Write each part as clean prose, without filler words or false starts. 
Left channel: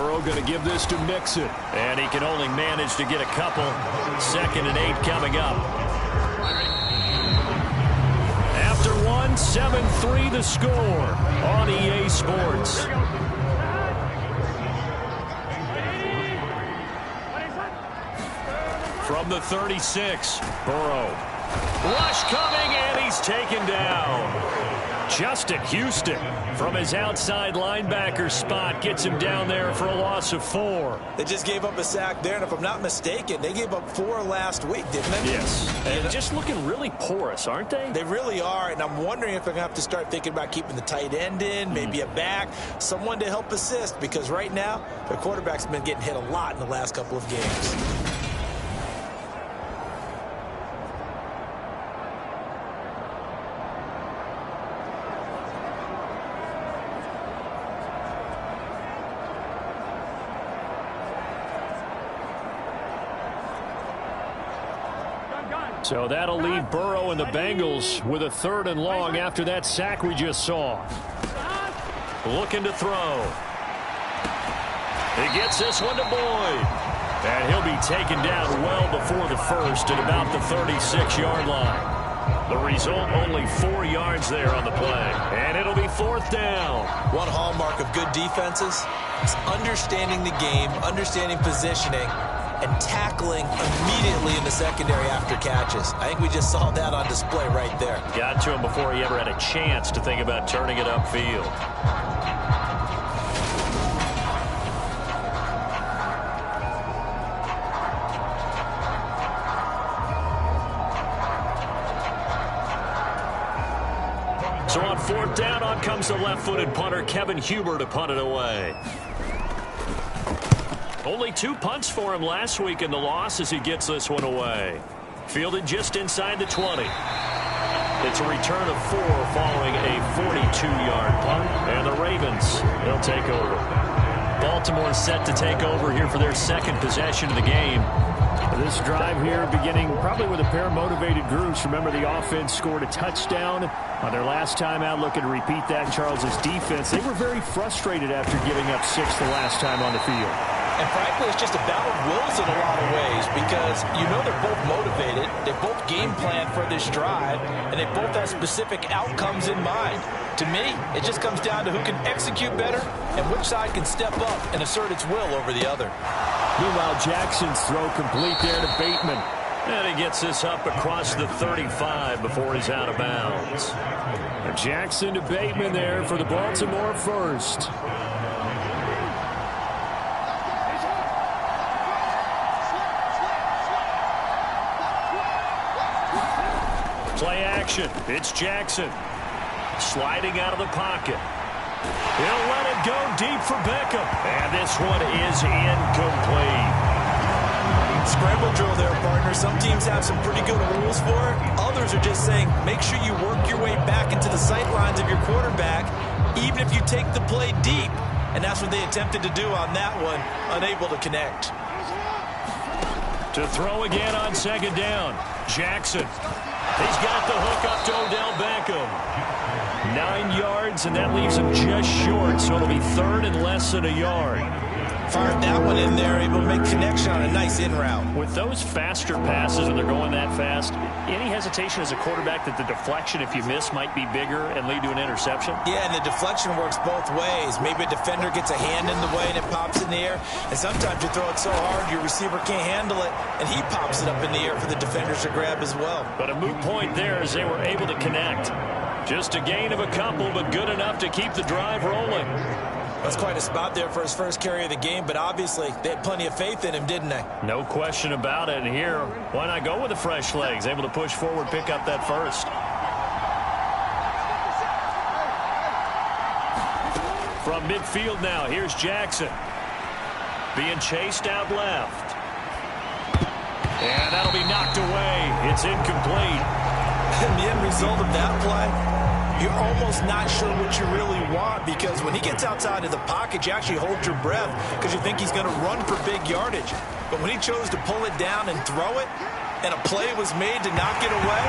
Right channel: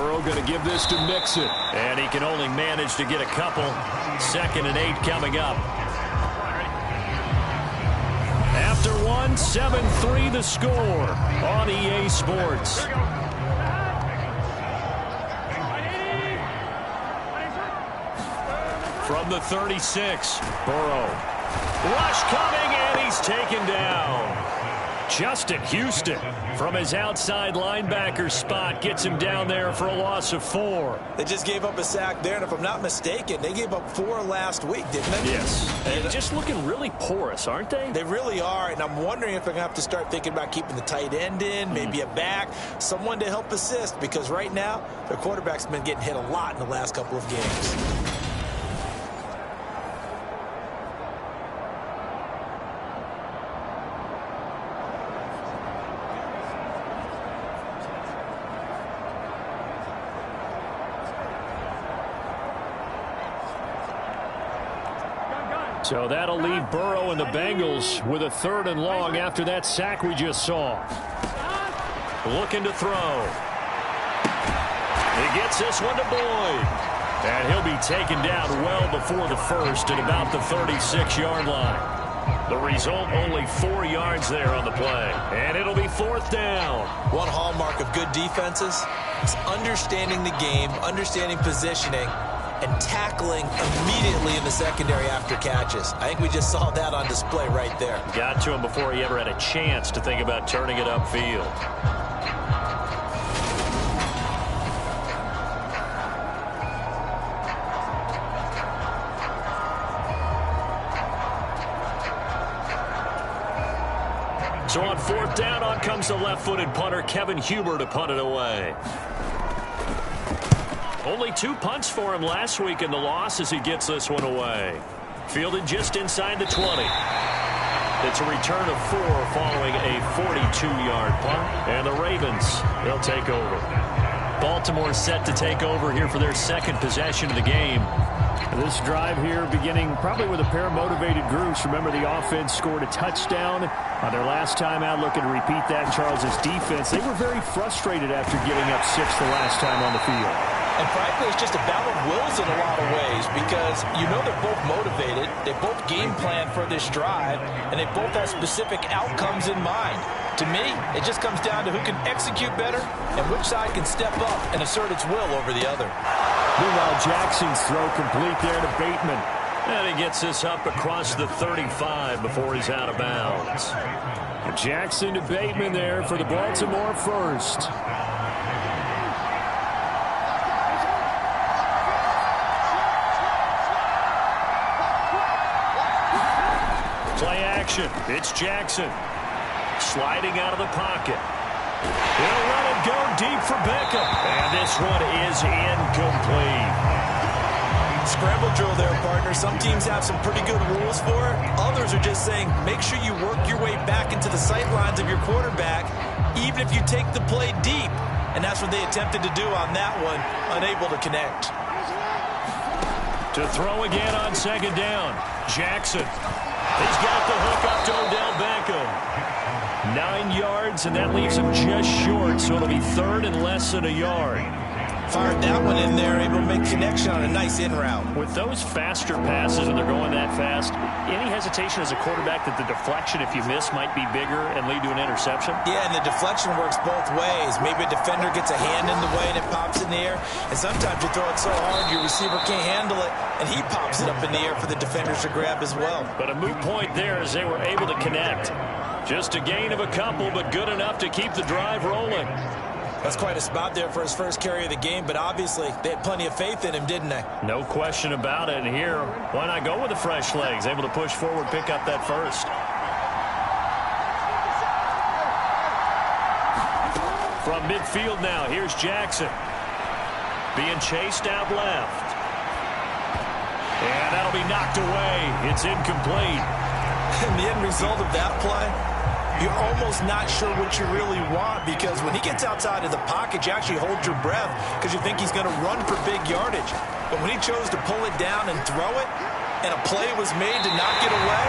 Burrow going to give this to Mixon. And he can only manage to get a couple. 2nd and 8 coming up. After one, 7-3 the score on EA Sports. From the 36, Burrow. Rush coming, and he's taken down. Justin Houston from his outside linebacker spot gets him down there for a loss of 4. They just gave up a sack there, and if I'm not mistaken, they gave up 4 last week, didn't they? Yes. And just looking really porous, aren't they? They really are, and I'm wondering if they're going to have to start thinking about keeping the tight end in, maybe a back, someone to help assist, because right now, their quarterback's been getting hit a lot in the last couple of games. So that'll leave Burrow and the Bengals with a 3rd and long after that sack we just saw. Looking to throw. He gets this one to Boyd. And he'll be taken down well before the first at about the 36-yard line. The result, only 4 yards there on the play. And it'll be 4th down. One hallmark of good defenses is understanding the game, understanding positioning, and tackling immediately in the secondary after catches. I think we just saw that on display right there. Got to him before he ever had a chance to think about turning it upfield. So on 4th down, on comes the left-footed punter, Kevin Huber, to punt it away. Only 2 punts for him last week in the loss as he gets this one away. Fielded just inside the 20. It's a return of 4 following a 42-yard punt. And the Ravens, they'll take over. Baltimore set to take over here for their 2nd possession of the game. This drive here beginning probably with a pair of motivated groups. Remember, the offense scored a touchdown on their last time out. Looking to repeat that in Charles' defense. They were very frustrated after giving up 6 the last time on the field. And frankly, it's just a battle of wills in a lot of ways because you know they're both motivated, they both game plan for this drive, and they both have specific outcomes in mind. To me, it just comes down to who can execute better and which side can step up and assert its will over the other. Meanwhile, Jackson's throw complete there to Bateman. And he gets this up across the 35 before he's out of bounds. And Jackson to Bateman there for the Baltimore first. Play action. It's Jackson. Sliding out of the pocket. He'll let it go deep for Beckham. And this one is incomplete. Scramble drill there, partner. Some teams have some pretty good rules for it. Others are just saying, make sure you work your way back into the sight lines of your quarterback, even if you take the play deep. And that's what they attempted to do on that one, unable to connect. To throw again on 2nd down. Jackson. He's got the hook up to Odell Beckham. 9 yards, and that leaves him just short, so it'll be 3rd and less than a yard. Fired that one in there, able to make connection on a nice in route. With those faster passes, when they're going that fast, any hesitation as a quarterback that the deflection, if you miss, might be bigger and lead to an interception? Yeah, and the deflection works both ways. Maybe a defender gets a hand in the way and it pops in the air. And sometimes you throw it so hard your receiver can't handle it, and he pops it up in the air for the defenders to grab as well. But a moot point there as they were able to connect. Just a gain of a couple, but good enough to keep the drive rolling. That's quite a spot there for his first carry of the game, but obviously they had plenty of faith in him, didn't they? No question about it. And here, why not go with the fresh legs? Able to push forward, pick up that first. From midfield now, here's Jackson. Being chased out left. And that'll be knocked away. It's incomplete. And the end result of that play, you're almost not sure what you really want, because when he gets outside of the pocket, you actually hold your breath because you think he's going to run for big yardage. But when he chose to pull it down and throw it, and a play was made to knock it away,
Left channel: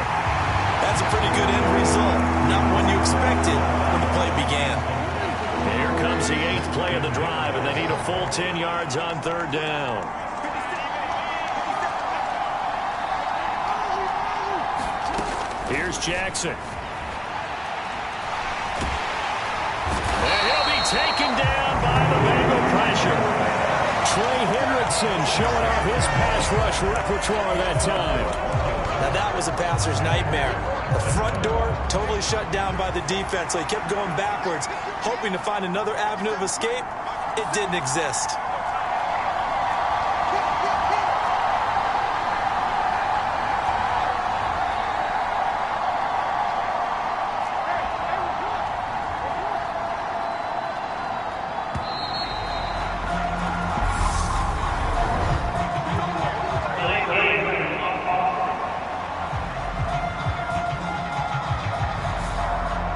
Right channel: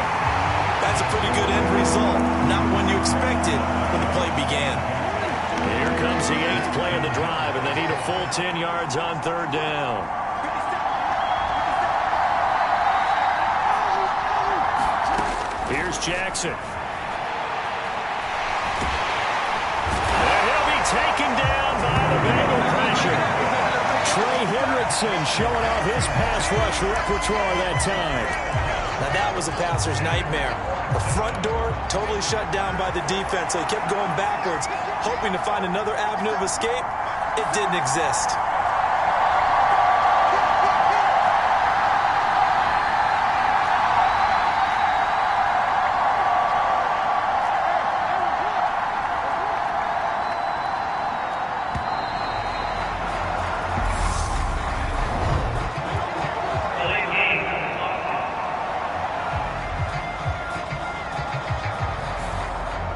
that's a pretty good end result. Not one you expected when the play began. Here comes the 8th play of the drive, and they need a full 10 yards on 3rd down. Here's Jackson. And he'll be taken down by the Bengal pressure. Trey Hendrickson showing off his pass rush repertoire that time. Now that was a passer's nightmare. The front door totally shut down by the defense, so he kept going backwards, hoping to find another avenue of escape. It didn't exist.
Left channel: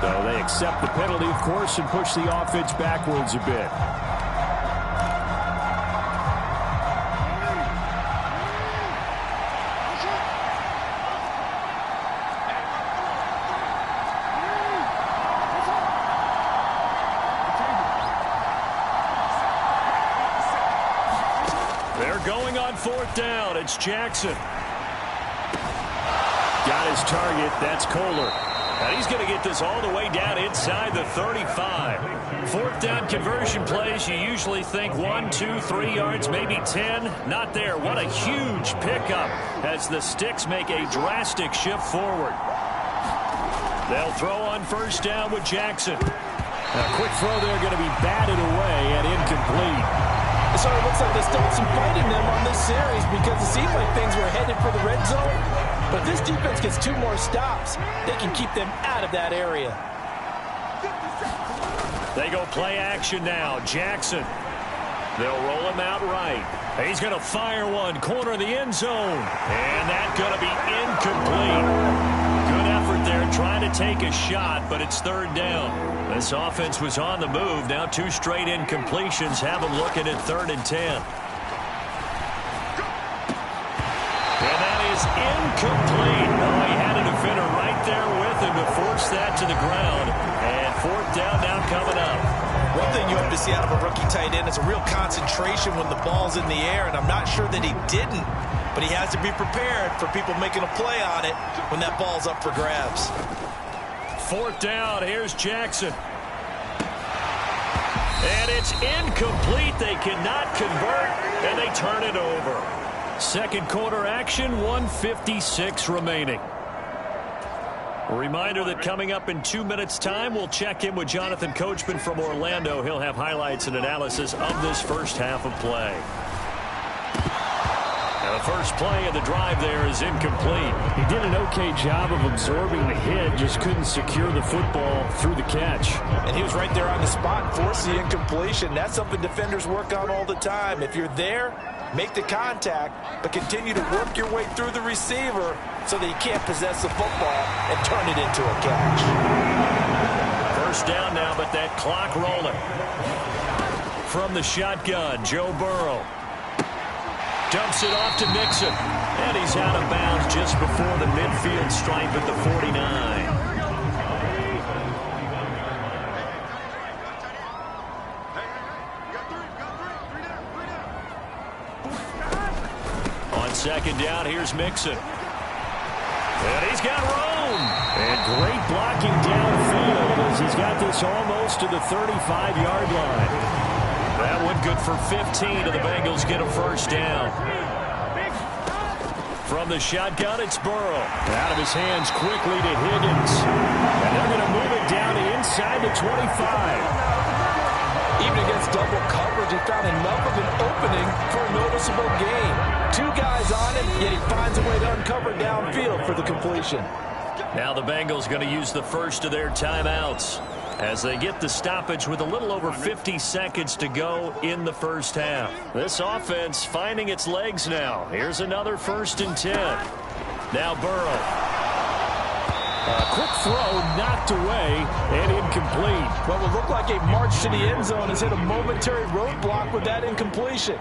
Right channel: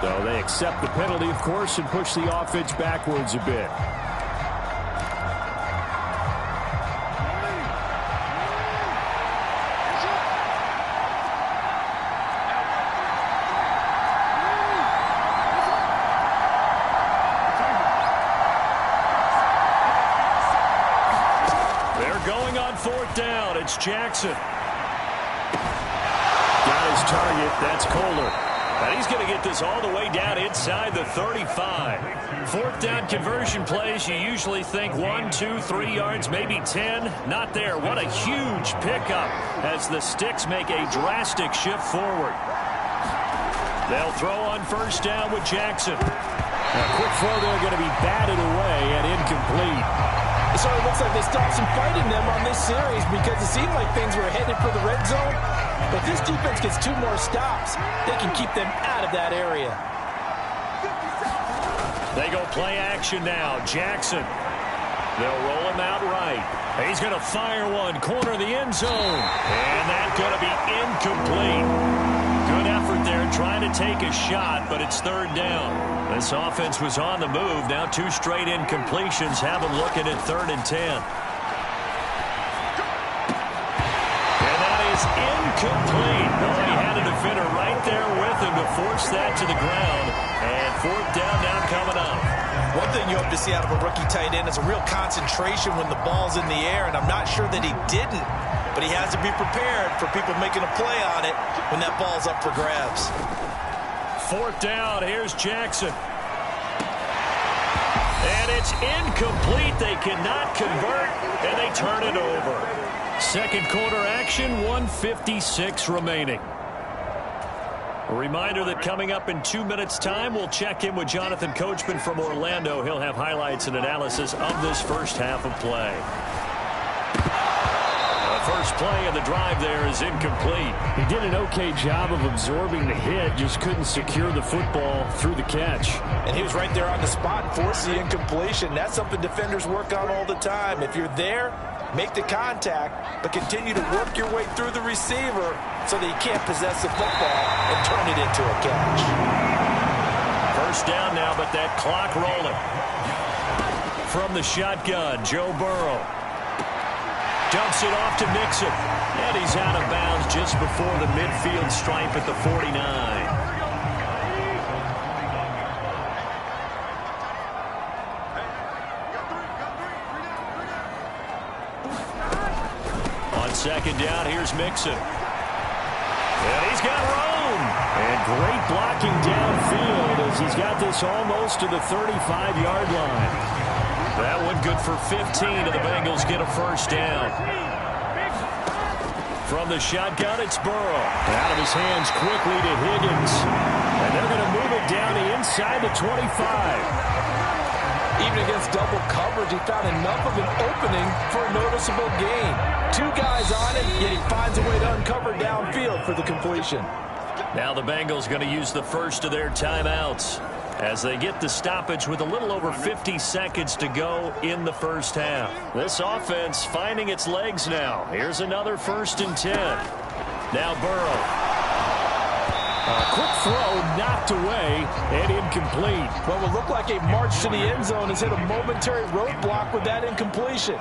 So they accept the penalty, of course, and push the offense backwards a bit. They're going on 4th down. It's Jackson. Got his target. That's Kohler. And he's going to get this all the way down inside the 35. 4th down conversion plays, you usually think 1, 2, 3 yards, maybe 10. Not there. What a huge pickup as the Sticks make a drastic shift forward. They'll throw on 1st down with Jackson. A quick throw there going to be batted away and incomplete. So it looks like they stopped some fight in them on this series because it seemed like things were headed for the red zone. But this defense gets 2 more stops. They can keep them out of that area. They go play action now. Jackson. They'll roll him out right. He's going to fire one. Corner of the end zone. And that's going to be incomplete. Good effort there trying to take a shot, but it's 3rd down. This offense was on the move. Now 2 straight incompletions have them looking at 3rd and 10. And that is incomplete. Oh, he had a defender right there with him to force that to the ground. And 4th down now coming up. One thing you hope to see out of a rookie tight end is a real concentration when the ball's in the air, and I'm not sure that he didn't. But he has to be prepared for people making a play on it when that ball's up for grabs. 4th down. Here's Jackson. And it's incomplete. They cannot convert, and they turn it over. 2nd quarter action, 1:56 remaining. A reminder that coming up in 2 minutes' time, we'll check in with Jonathan Coachman from Orlando. He'll have highlights and analysis of this first half of play. Now the first play of the drive there is incomplete. He did an okay job of absorbing the hit, just couldn't secure the football through the catch. And he was right there on the spot and forced the incompletion. That's something defenders work on all the time. If you're there, make the contact, but continue to work your way through the receiver so that you can't possess the football and turn it into a catch. 1st down now, but that clock rolling. From the shotgun, Joe Burrow. Dumps it off to Mixon. And he's out of bounds just before the midfield stripe at the 49. On 2nd down, here's Mixon. And he's got room. And great blocking downfield as he's got this almost to the 35-yard line. That one good for 15, and the Bengals get a 1st down. From the shotgun, it's Burrow. Out of his hands quickly to Higgins. And they're going to move it down to inside the 25. Even against double coverage, he found enough of an opening for a noticeable gain. 2 guys on him, yet he finds a way to uncover downfield for the completion. Now the Bengals going to use the first of their timeouts as they get the stoppage with a little over 50 seconds to go in the first half. This offense finding its legs now. Here's another 1st and 10. Now Burrow. A quick throw knocked away and incomplete. What will look like a march to the end zone has hit a momentary roadblock with that incompletion.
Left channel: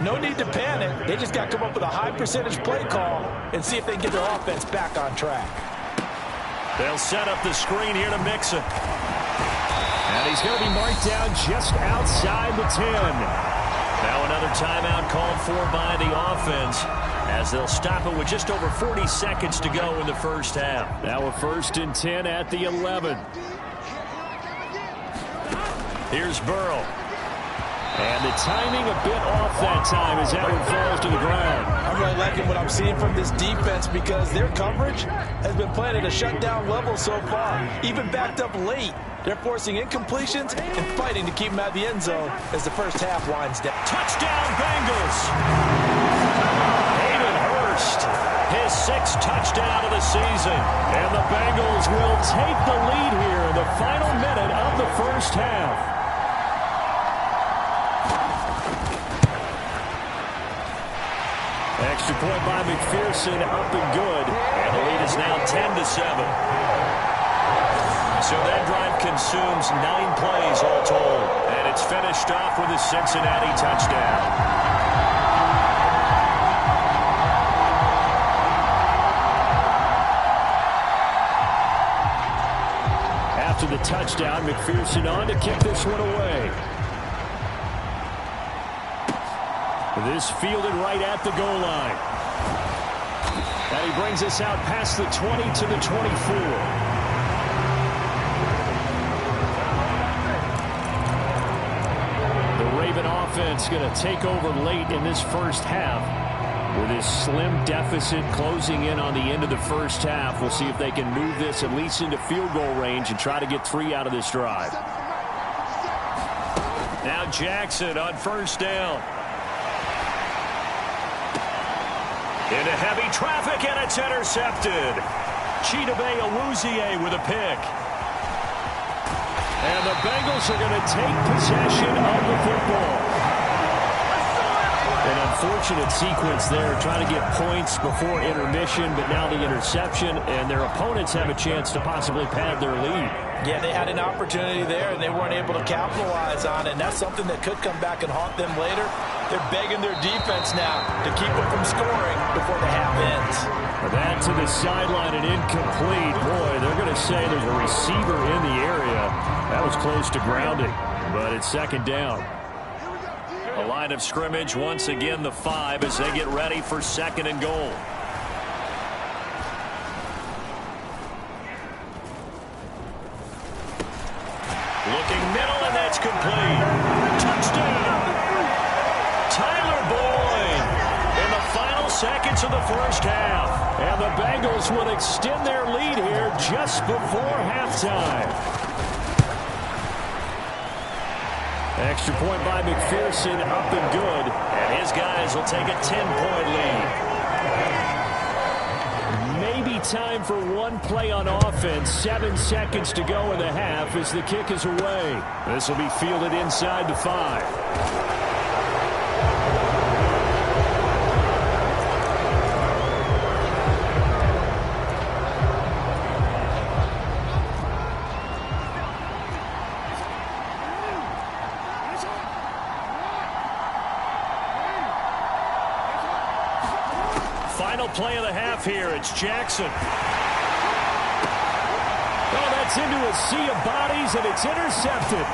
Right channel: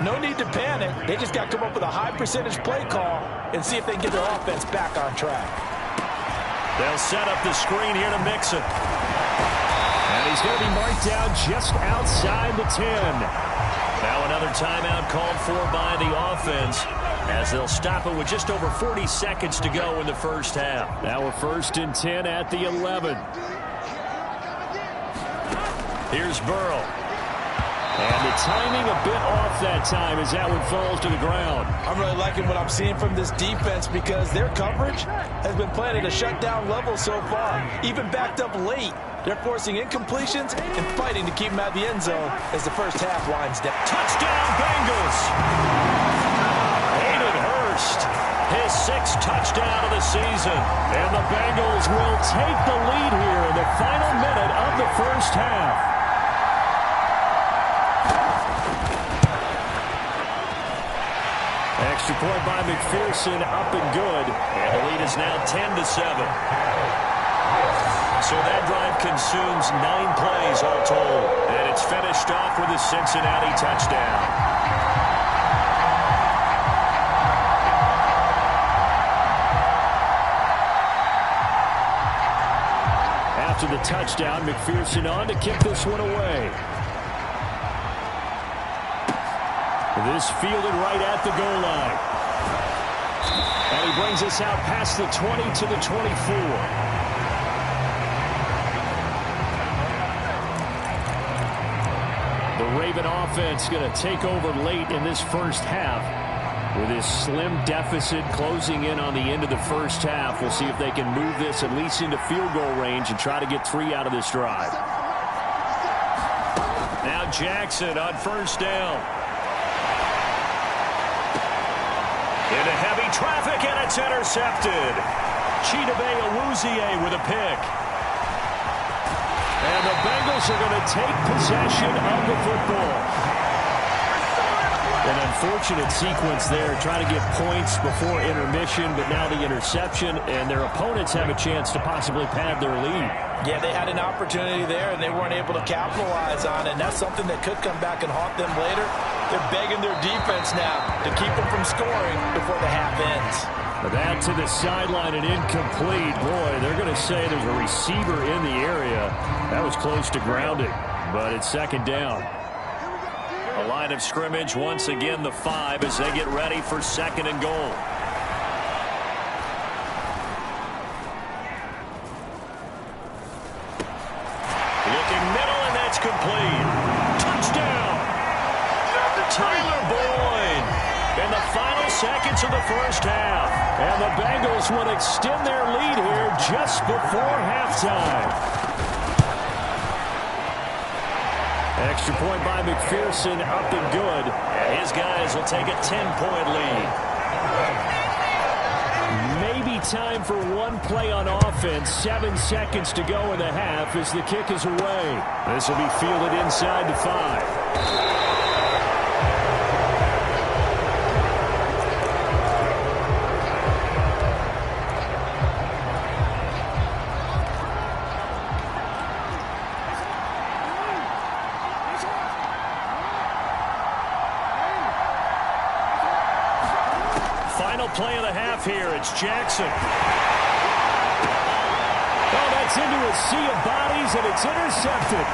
No need to panic. They just got to come up with a high percentage play call and see if they can get their offense back on track. They'll set up the screen here to Mixon. And he's going to be marked down just outside the 10. Now another timeout called for by the offense, as they'll stop it with just over 40 seconds to go in the first half. Now a 1st and 10 at the 11. Here's Burrow. And the timing a bit off that time as that one falls to the ground. I'm really liking what I'm seeing from this defense because their coverage has been playing at a shutdown level so far. Even backed up late, they're forcing incompletions and fighting to keep them out of the end zone as the first half winds down. Touchdown Bengals! Hayden Hurst, his 6th touchdown of the season. And the Bengals will take the lead here in the final minute of the first half. Extra point by McPherson, up and good. And the lead is now 10-7. So that drive consumes 9 plays all told. And it's finished off with a Cincinnati touchdown. After the touchdown, McPherson on to kick this one away. This fielded right at the goal line. And he brings us out past the 20 to the 24. The Raven offense going to take over late in this first half with this slim deficit closing in on the end of the first half. We'll see if they can move this at least into field goal range and try to get 3 out of this drive. Now Jackson on 1st down. Into heavy traffic, and it's intercepted. Chidobe Awuzie with a pick. And the Bengals are going to take possession of the football. An unfortunate sequence there, trying to get points before intermission, but now the interception, and their opponents have a chance to possibly pad their lead. Yeah, they had an opportunity there, and they weren't able to capitalize on it, and that's something that could come back and haunt them later. They're begging their defense now to keep them from scoring before the half ends. That to the sideline and incomplete. Boy, they're going to say there's a receiver in the area. That was close to grounding, but it's 2nd down. A line of scrimmage, once again the 5 as they get ready for 2nd and goal. Looking middle, and that's complete. Touchdown! Tyler Boyd in the final seconds of the first half. And the Bengals would extend their lead here just before halftime. Extra point by McPherson, up and good. And his guys will take a 10-point lead. Maybe time for one play on offense. 7 seconds to go in the half as the kick is away. This will be fielded inside the 5. Final play of the half here. It's Jackson. Oh, that's into a sea of bodies, and it's intercepted.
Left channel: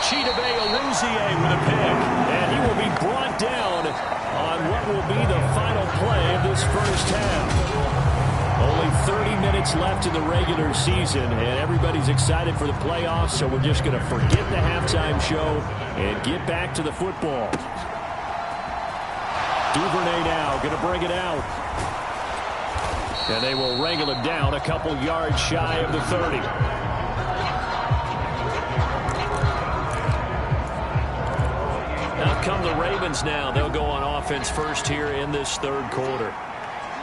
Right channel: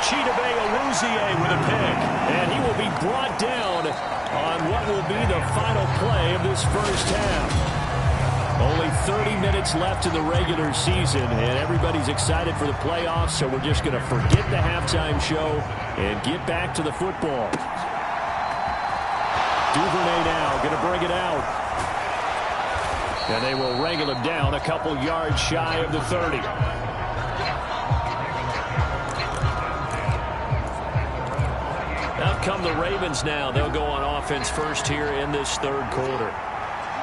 Chidobe Awuzie with a pick. And he will be brought down on what will be the final play of this first half. Only 30 minutes left in the regular season, and everybody's excited for the playoffs, so we're just going to forget the halftime show and get back to the football. Duvernay now going to bring it out. And they will wrangle him down a couple yards shy of the 30. Out come the Ravens now. They'll go on offense first here in this 3rd quarter.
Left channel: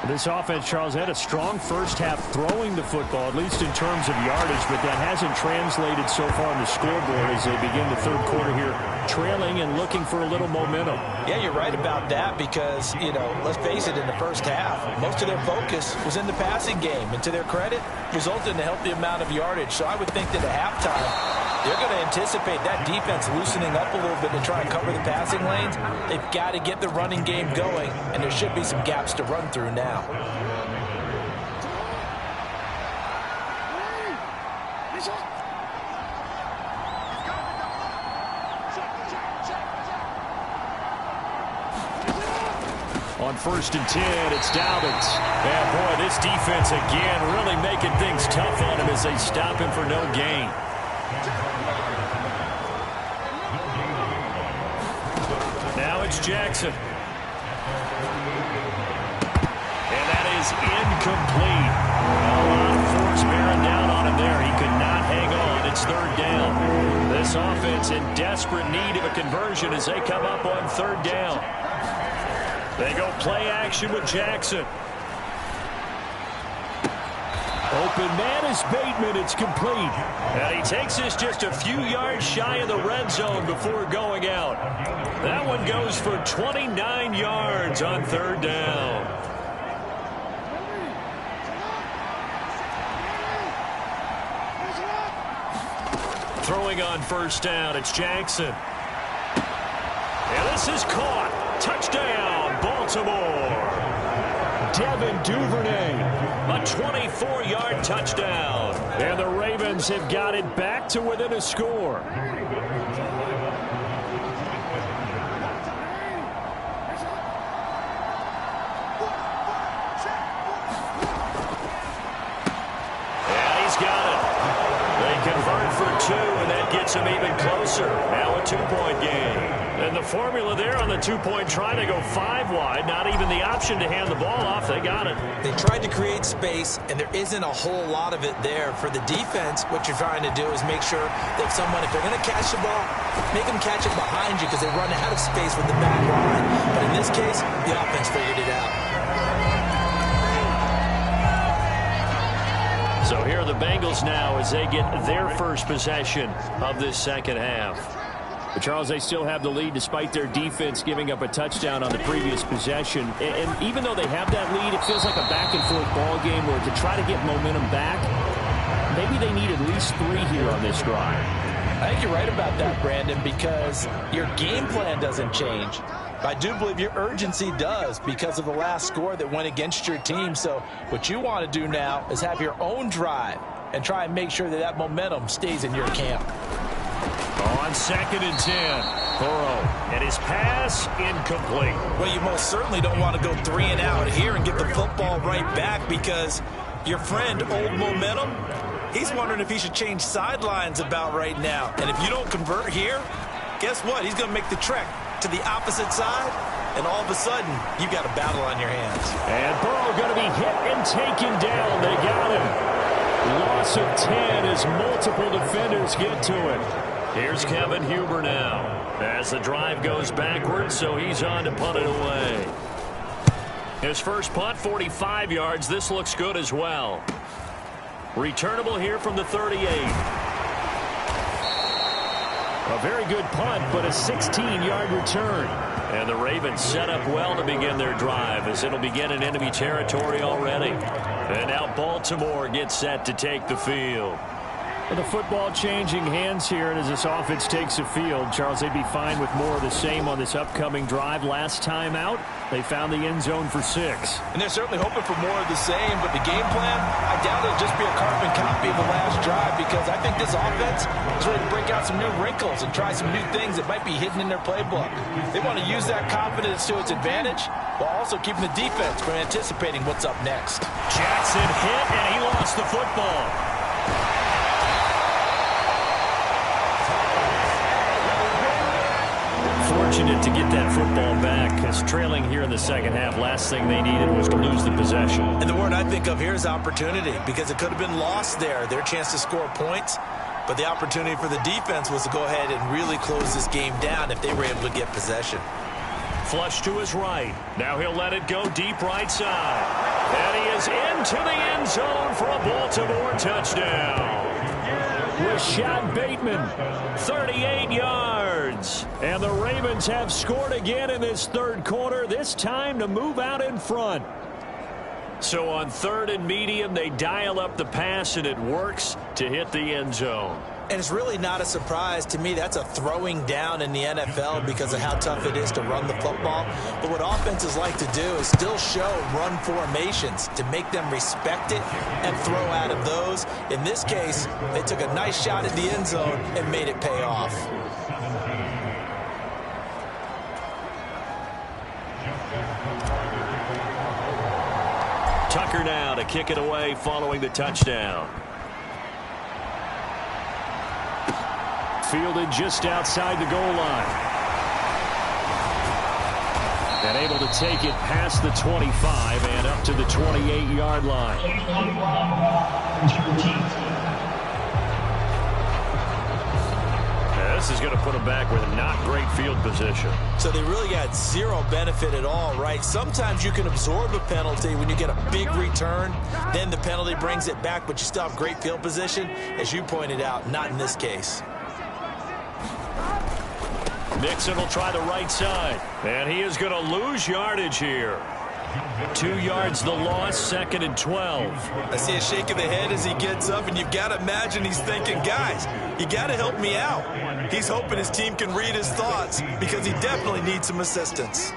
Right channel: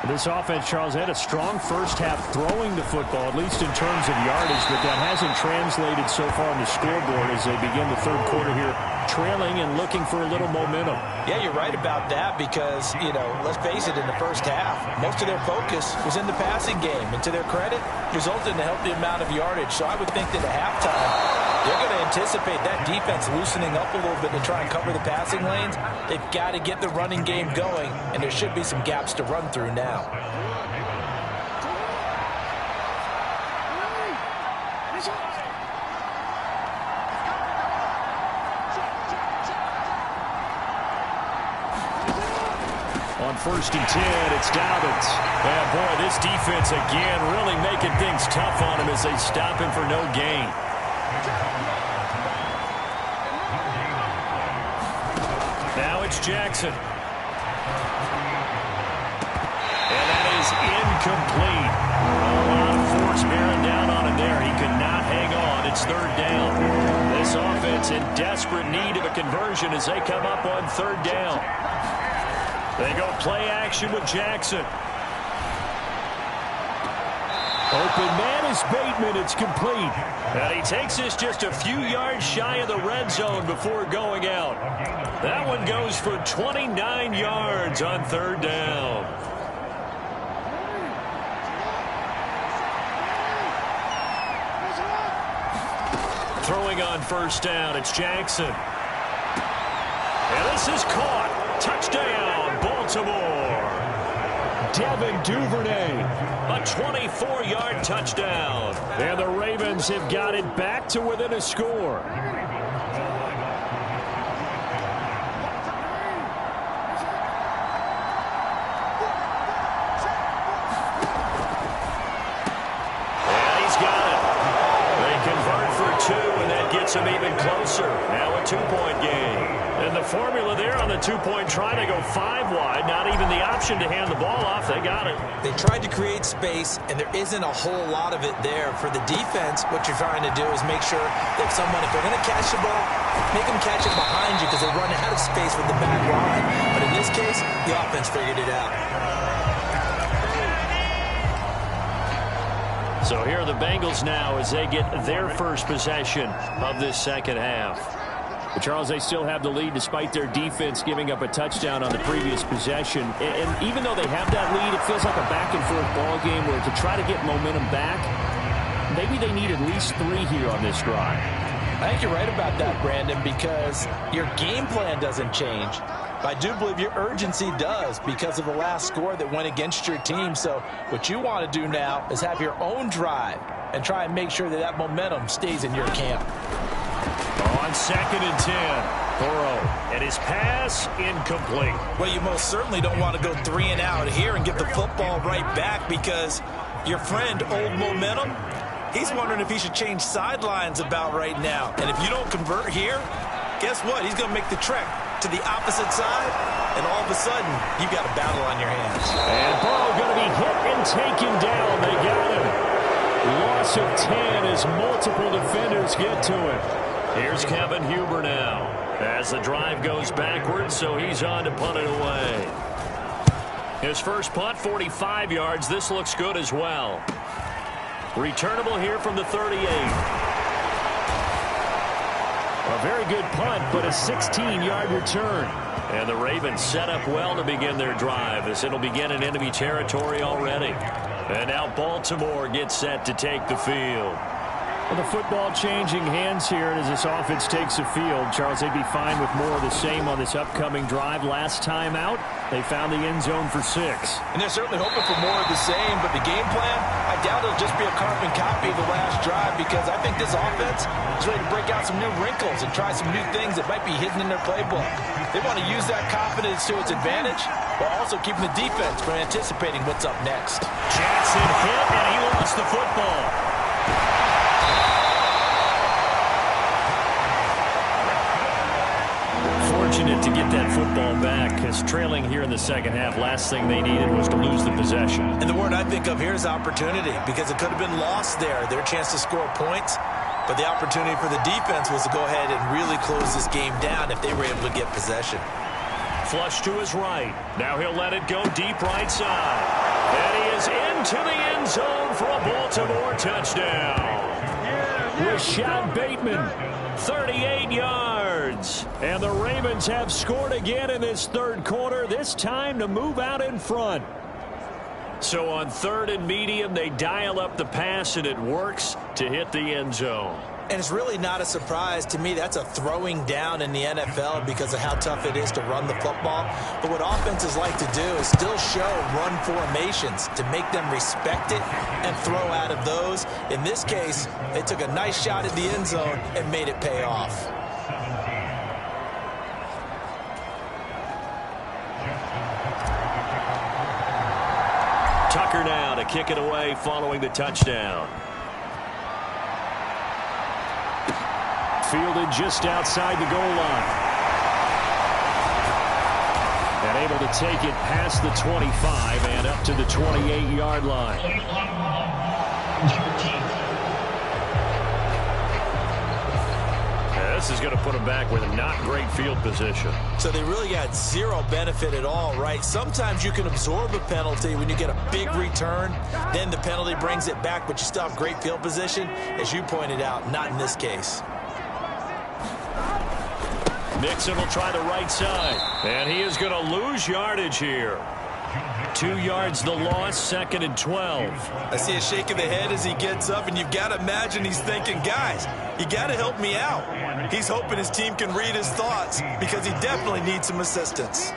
This offense, Charles, had a strong first half throwing the football, at least in terms of yardage, but that hasn't translated so far on the scoreboard as they begin the 3rd quarter here, trailing and looking for a little momentum. Yeah, you're right about that because, you know, let's face it, in the first half, most of their focus was in the passing game, and to their credit, resulted in a healthy amount of yardage. So I would think that at halftime, they're going to anticipate that defense loosening up a little bit to try and cover the passing lanes. They've got to get the running game going, and there should be some gaps to run through now. On 1st and 10, it's Dobbins. Yeah, boy, this defense again really making things tough on him as they stop him for no gain. Now it's Jackson. And that is incomplete. A lot of force bearing down on him there. He could not hang on. It's 3rd down. This offense in desperate need of a conversion as they come up on 3rd down. They go play action with Jackson. Open man is Bateman. It's complete. And he takes this just a few yards shy of the red zone before going out. That one goes for 29 yards on 3rd down. Throwing on 1st down, it's Jackson. And this is caught. Touchdown, Baltimore. Devin Duvernay. A 24-yard touchdown. And the Ravens have got it back to within a score. And he's got it. They convert for 2, and that gets him even closer. Now a 2-point game. And the formula there on the 2-point try to go 5 wide. Not even the option to hand the ball off. They got it. They tried to create space, and there isn't a whole lot of it there. For the defense, what you're trying to do is make sure that if they're going to catch the ball, make them catch it behind you because they run out of space with the back line. But in this case, the offense figured it out. So here are the Bengals now as they get their first possession of this second half. But Charles, they still have the lead despite their defense giving up a touchdown on the previous possession. And even though they have that lead, it feels like a back-and-forth ball game where to try to get momentum back, maybe they need at least 3 here on this drive. I think you're right about that, Brandon, because your game plan doesn't change. I do believe your urgency does because of the last score that went against your team. So what you want to do now is have your own drive and try and make sure that that momentum stays in your camp. On 2nd and 10, Burrow, and his pass incomplete. Well, you most certainly don't want to go 3 and out here and get the football right back because your friend, Old Momentum, he's wondering if he should change sidelines about right now. And if you don't convert here, guess what? He's going to make the trek to the opposite side, and all of a sudden, you've got a battle on your hands. And Burrow going to be hit and taken down. They got him. Loss of 10 as multiple defenders get to him. Here's Kevin Huber now as the drive goes backwards, so he's on to punt it away. His first punt, 45 yards. This looks good as well. Returnable here from the 38. A very good punt, but a 16-yard return. And the Ravens set up well to begin their drive as it'll begin in enemy territory already. And now Baltimore gets set to take the field. Well, the football changing hands here, and as this offense takes the field, Charles, they'd be fine with more of the same on this upcoming drive. Last time out, they found the end zone for 6. And they're certainly hoping for more of the same, but the game plan, I doubt it'll just be a carbon copy of the last drive because I think this offense is ready to break out some new wrinkles and try some new things that might be hidden in their playbook. They want to use that confidence to its advantage while also keeping the defense from anticipating what's up next. Jackson hit, and he lost the football. Fortunate to get that football back as trailing here in the second half. Last thing they needed was to lose the possession. And the word I think of here is opportunity because it could have been lost there, their chance to score points. But the opportunity for the defense was to go ahead and really close this game down if they were able to get possession. Flush to his right. Now he'll let it go deep right side. And he is into the end zone for a Baltimore touchdown. Rashad Bateman, 38 yards. And the Ravens have scored again in this third quarter, this time to move out in front. So on 3rd and medium, they dial up the pass, and it works to hit the end zone. And it's really not a surprise to me. That's a throwing down in the NFL because of how tough it is to run the football. But what offenses like to do is still show run formations to make them respect it and throw out of those. In this case, they took a nice shot at the end zone and made it pay off. Tucker now to kick it away following the touchdown. Fielded just outside the goal line. And able to take it past the 25 and up to the 28-yard line. This is going to put them back with not great field position. So they really got zero benefit at all, right? Sometimes you can absorb a penalty when you get a big return. Then the penalty brings it back, but you still have great field position. As you pointed out, not in this case. Nixon will try the right side. And he is going to lose yardage here. 2 yards the loss, 2nd and 12. I see a shake of the head as he gets up, and you've got to imagine he's thinking, guys, you got to help me out. He's hoping his team can read his thoughts because he definitely needs some assistance.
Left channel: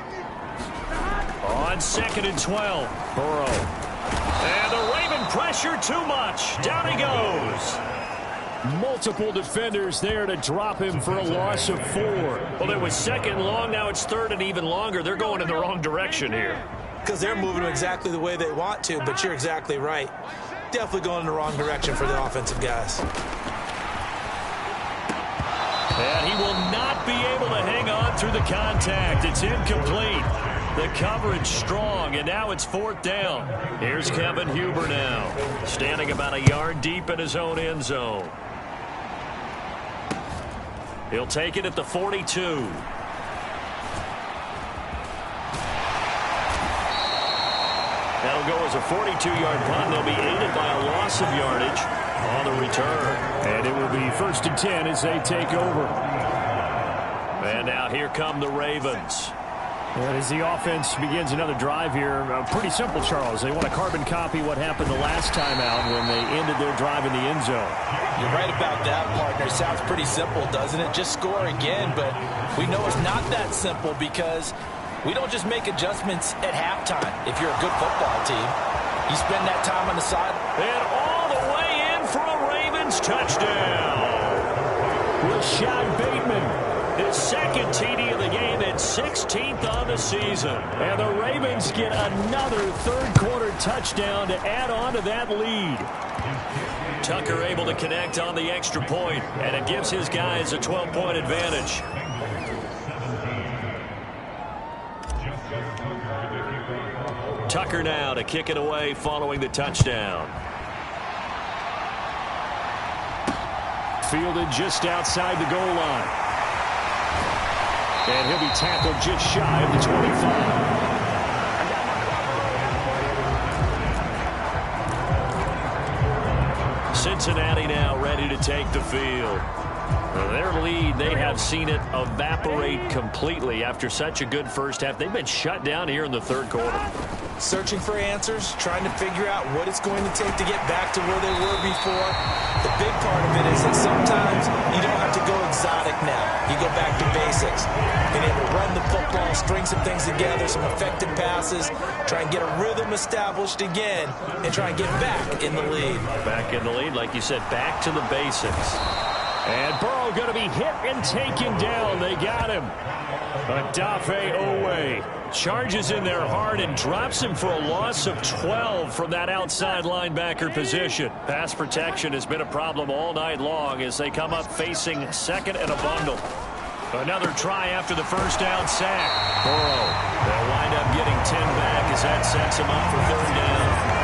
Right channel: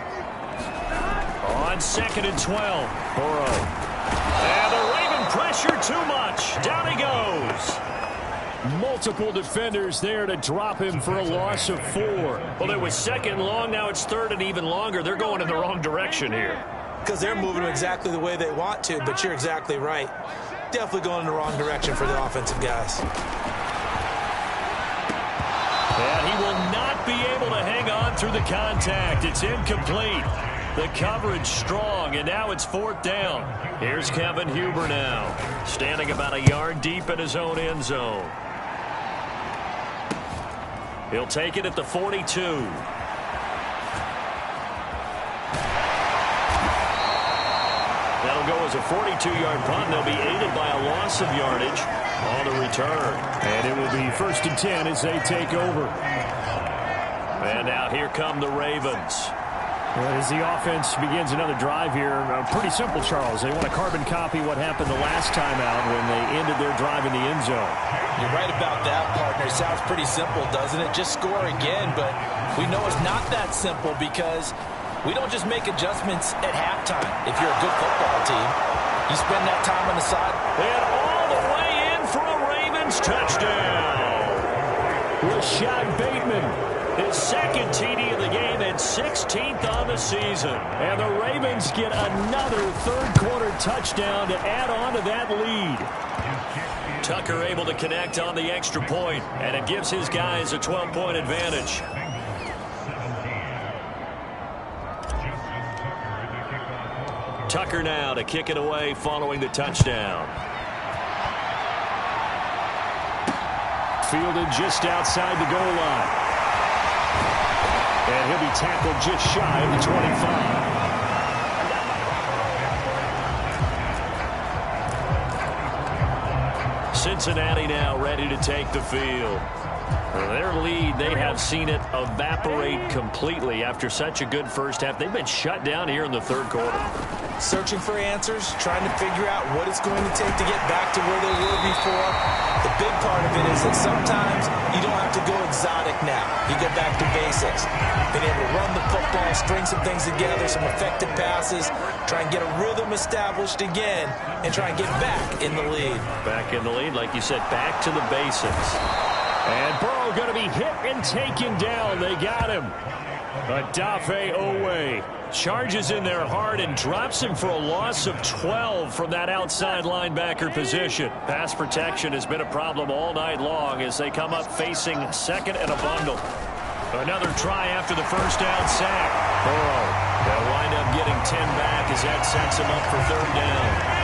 On 2nd and 12, Burrow. And the Raven pressure too much. Down he goes. Multiple defenders there to drop him for a loss of 4. Well, it was 2nd long. Now it's 3rd and even longer. They're going in the wrong direction here. Because they're moving exactly the way they want to, but you're exactly right. Definitely going in the wrong direction for the offensive guys. And he will not be able to hang on through the contact. It's incomplete. The coverage strong, and now it's 4th down. Here's Kevin Huber now, standing about a yard deep in his own end zone. He'll take it at the 42. That'll go as a 42-yard punt. They'll be aided by a loss of yardage on the return. And it will be 1st and 10 as they take over. And now here come the Ravens. And as the offense begins another drive here, pretty simple, Charles. They want to carbon copy what happened the last time out when they ended their drive in the end zone. You're right about that, partner. Sounds pretty simple, doesn't it? Just score again, but we know it's not that simple because we don't just make adjustments at halftime. If you're a good football team, you spend that time on the side. And all the way in for a Ravens touchdown. Rashad Bateman, his 2nd TD of the game and 16th on the season. And the Ravens get another 3rd quarter touchdown to add on to that lead. Tucker able to connect on the extra point, and it gives his guys a 12-point advantage. Tucker now to kick it away following the touchdown. Fielded just outside the goal line. And he'll be tackled just shy of the 25. Cincinnati now ready to take the field. Their lead, they have seen it evaporate completely after such a good first half. They've been shut down here in the 3rd quarter. Searching for answers, trying to figure out what it's going to take to get back to where they were before. The big part of it is that sometimes you don't have to go exotic now. You go back to basics. Being able to run the football, string some things together, some effective passes, try and get a rhythm established again, and try and get back in the lead. Back in the lead, like you said, back to the basics. And Burrow going to be hit and taken down. They got him. Adafe Owe charges in there hard and drops him for a loss of 12 from that outside linebacker position. Pass protection has been a problem all night long as they come up facing 2nd and a bundle. Another try after the first down sack. Burrow, they'll wind up getting 10 back as that sets him up for 3rd down.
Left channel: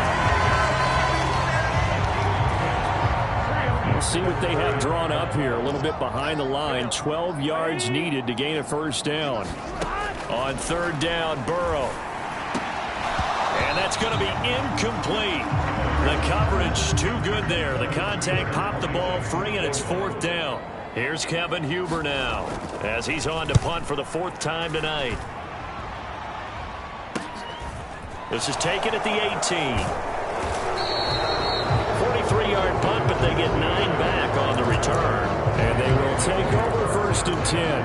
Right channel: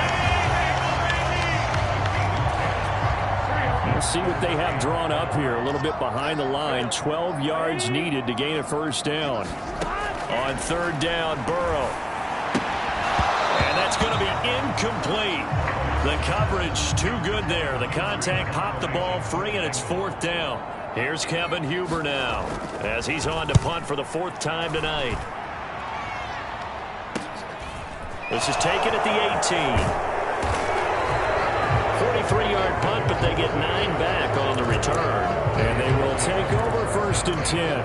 We'll see what they have drawn up here. A little bit behind the line. 12 yards needed to gain a 1st down. On 3rd down, Burrow. And that's going to be incomplete. The coverage too good there. The contact popped the ball free, and it's 4th down. Here's Kevin Huber now as he's on to punt for the 4th time tonight. This is taken at the 18. 43-yard punt, but they get 9 back on the return. And they will take over 1st and 10.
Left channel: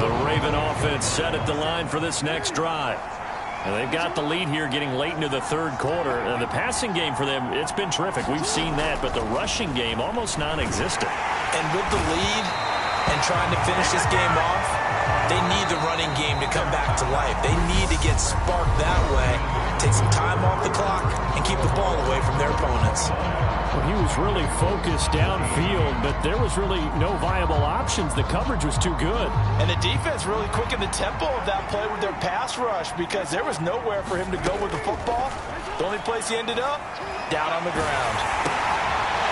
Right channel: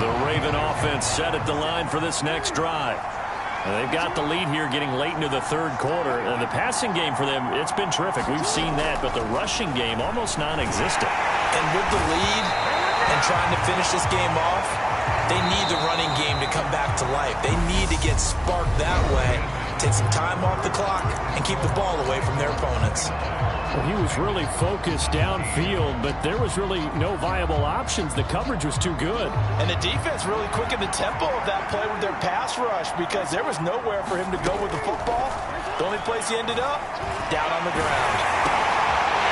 The Raven offense set at the line for this next drive. And they've got the lead here getting late into the 3rd quarter. And the passing game for them, it's been terrific. We've seen that, but the rushing game almost non-existent. And with the lead and trying to finish this game off, They need the running game to come back to life. They need to get sparked that way, take some time off the clock, and keep the ball away from their opponents. Well, he was really focused downfield, but there was really no viable options. The coverage was too good. And the defense really quickened the tempo of that play with their pass rush because there was nowhere for him to go with the football. The only place he ended up, down on the ground.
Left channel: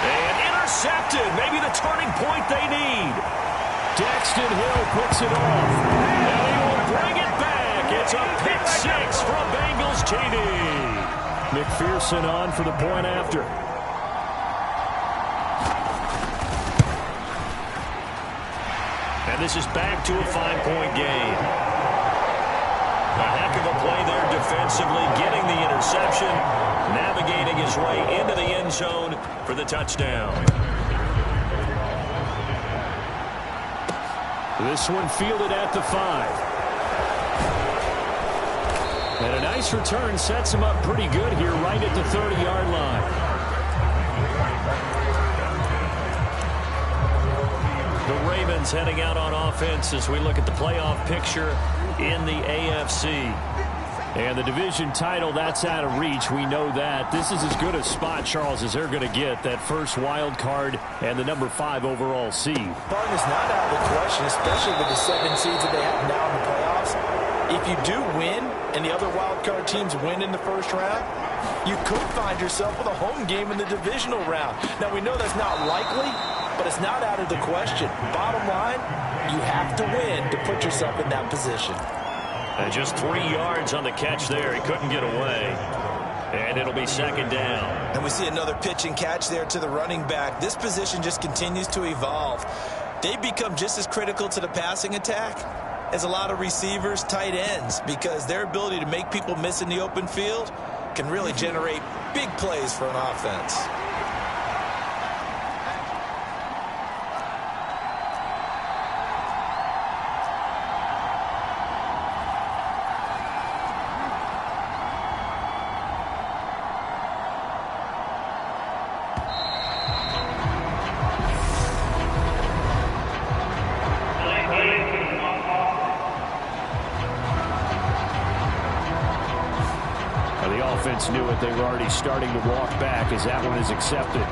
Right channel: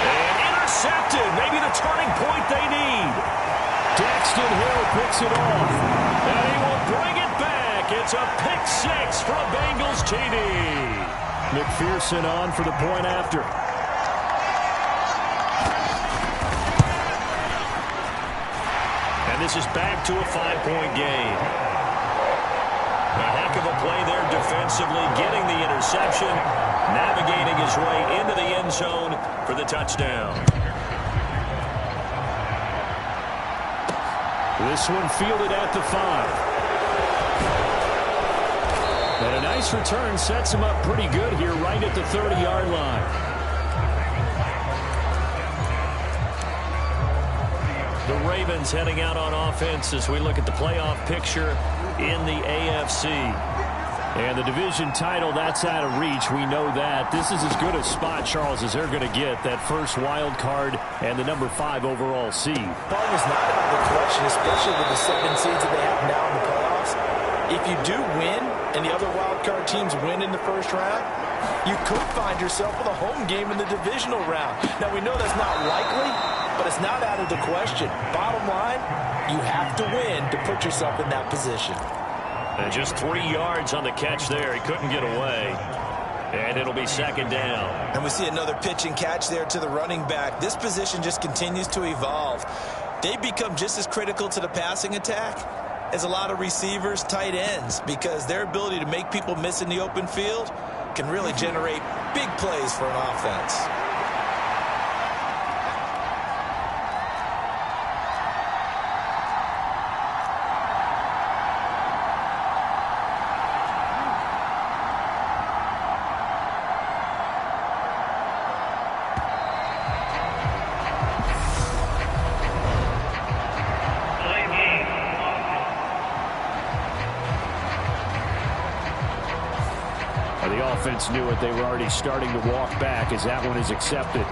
And intercepted. Maybe the turning point they need. Daxton Hill picks it off. And he will bring it back. It's a pick six from Bengals TD. McPherson on for the point after. And this is back to a 5-point game. A heck of a play there defensively, getting the interception, navigating his way into the end zone for the touchdown. This one fielded at the 5. And a nice return sets him up pretty good here right at the 30-yard line. The Ravens heading out on offense as we look at the playoff picture in the AFC. And the division title, that's out of reach. We know that. This is as good a spot, Charles, as they're going to get. That first wild card and the number 5 overall seed. Part is not out of the question, especially with the 7 seeds that they have now in the playoffs. If you do win and the other wild card teams win in the first round, you could find yourself with a home game in the divisional round. Now, we know that's not likely, but it's not out of the question. Bottom line, you have to win to put yourself in that position. And just 3 yards on the catch there. He couldn't get away. And it'll be second down. And we see another pitch and catch there to the running back. This position just continues to evolve. They become just as critical to the passing attack as a lot of receivers, tight ends, because their ability to make people miss in the open field can really generate big plays for an offense. The offense knew it. They were already starting to walk back as that one is accepted.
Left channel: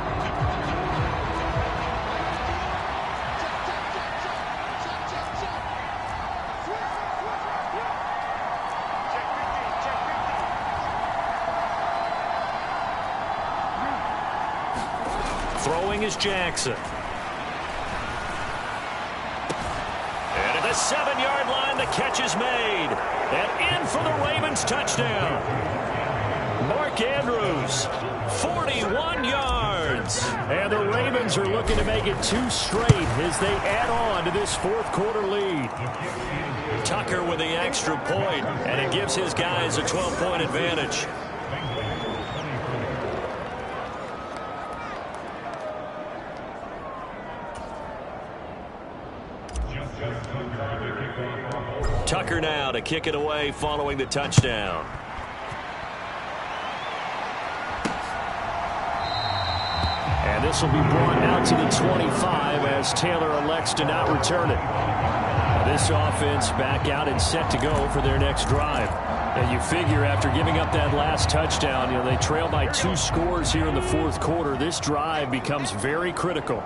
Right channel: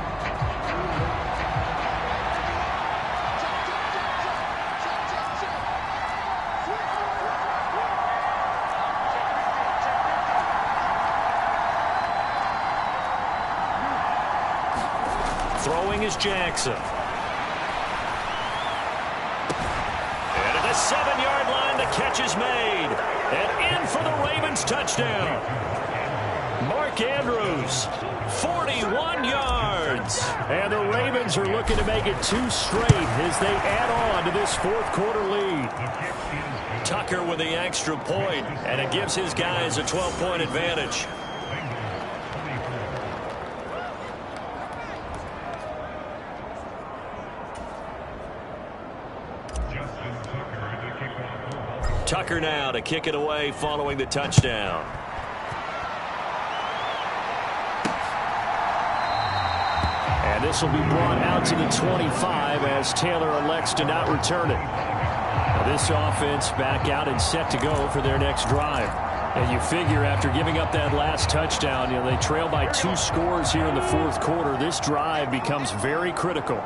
Throwing is Jackson. And at the 7-yard line, the catch is made. And in for the Ravens touchdown. Mark Andrews, 41 yards. And the Ravens are looking to make it 2 straight as they add on to this fourth quarter lead. Tucker with the extra point, and it gives his guys a 12-point advantage. Tucker now to kick it away following the touchdown. And this will be brought out to the 25 as Taylor elects to not return it. Now this offense back out and set to go for their next drive. And you figure after giving up that last touchdown, they trail by 2 scores here in the fourth quarter. This drive becomes very critical.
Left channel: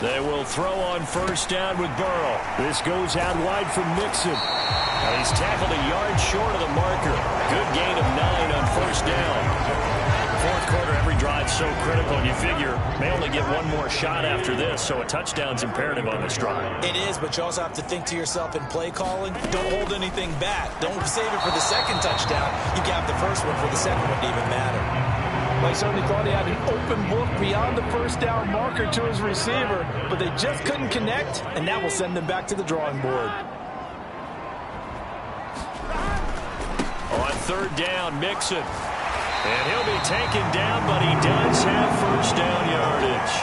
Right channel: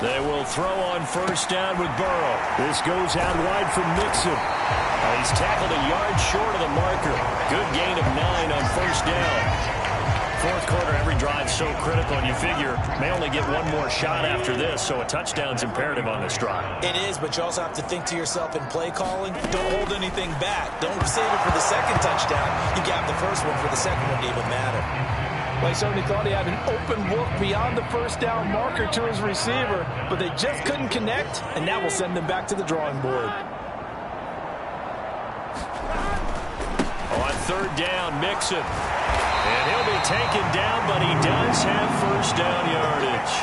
They will throw on first down with Burrow. This goes out wide for Mixon. And he's tackled a yard short of the marker. Good gain of 9 on first down. Fourth quarter, every drive so critical, and you figure may only get one more shot after this, so a touchdown's imperative on this drive. It is, but you also have to think to yourself in play calling, don't hold anything back. Don't save it for the second touchdown. You got the first one for the second one to even matter. Well, he certainly thought he had an open look beyond the first down marker to his receiver, but they just couldn't connect, and that will send them back to the drawing board. On third down, Mixon. And he'll be taken down, but he does have first down yardage.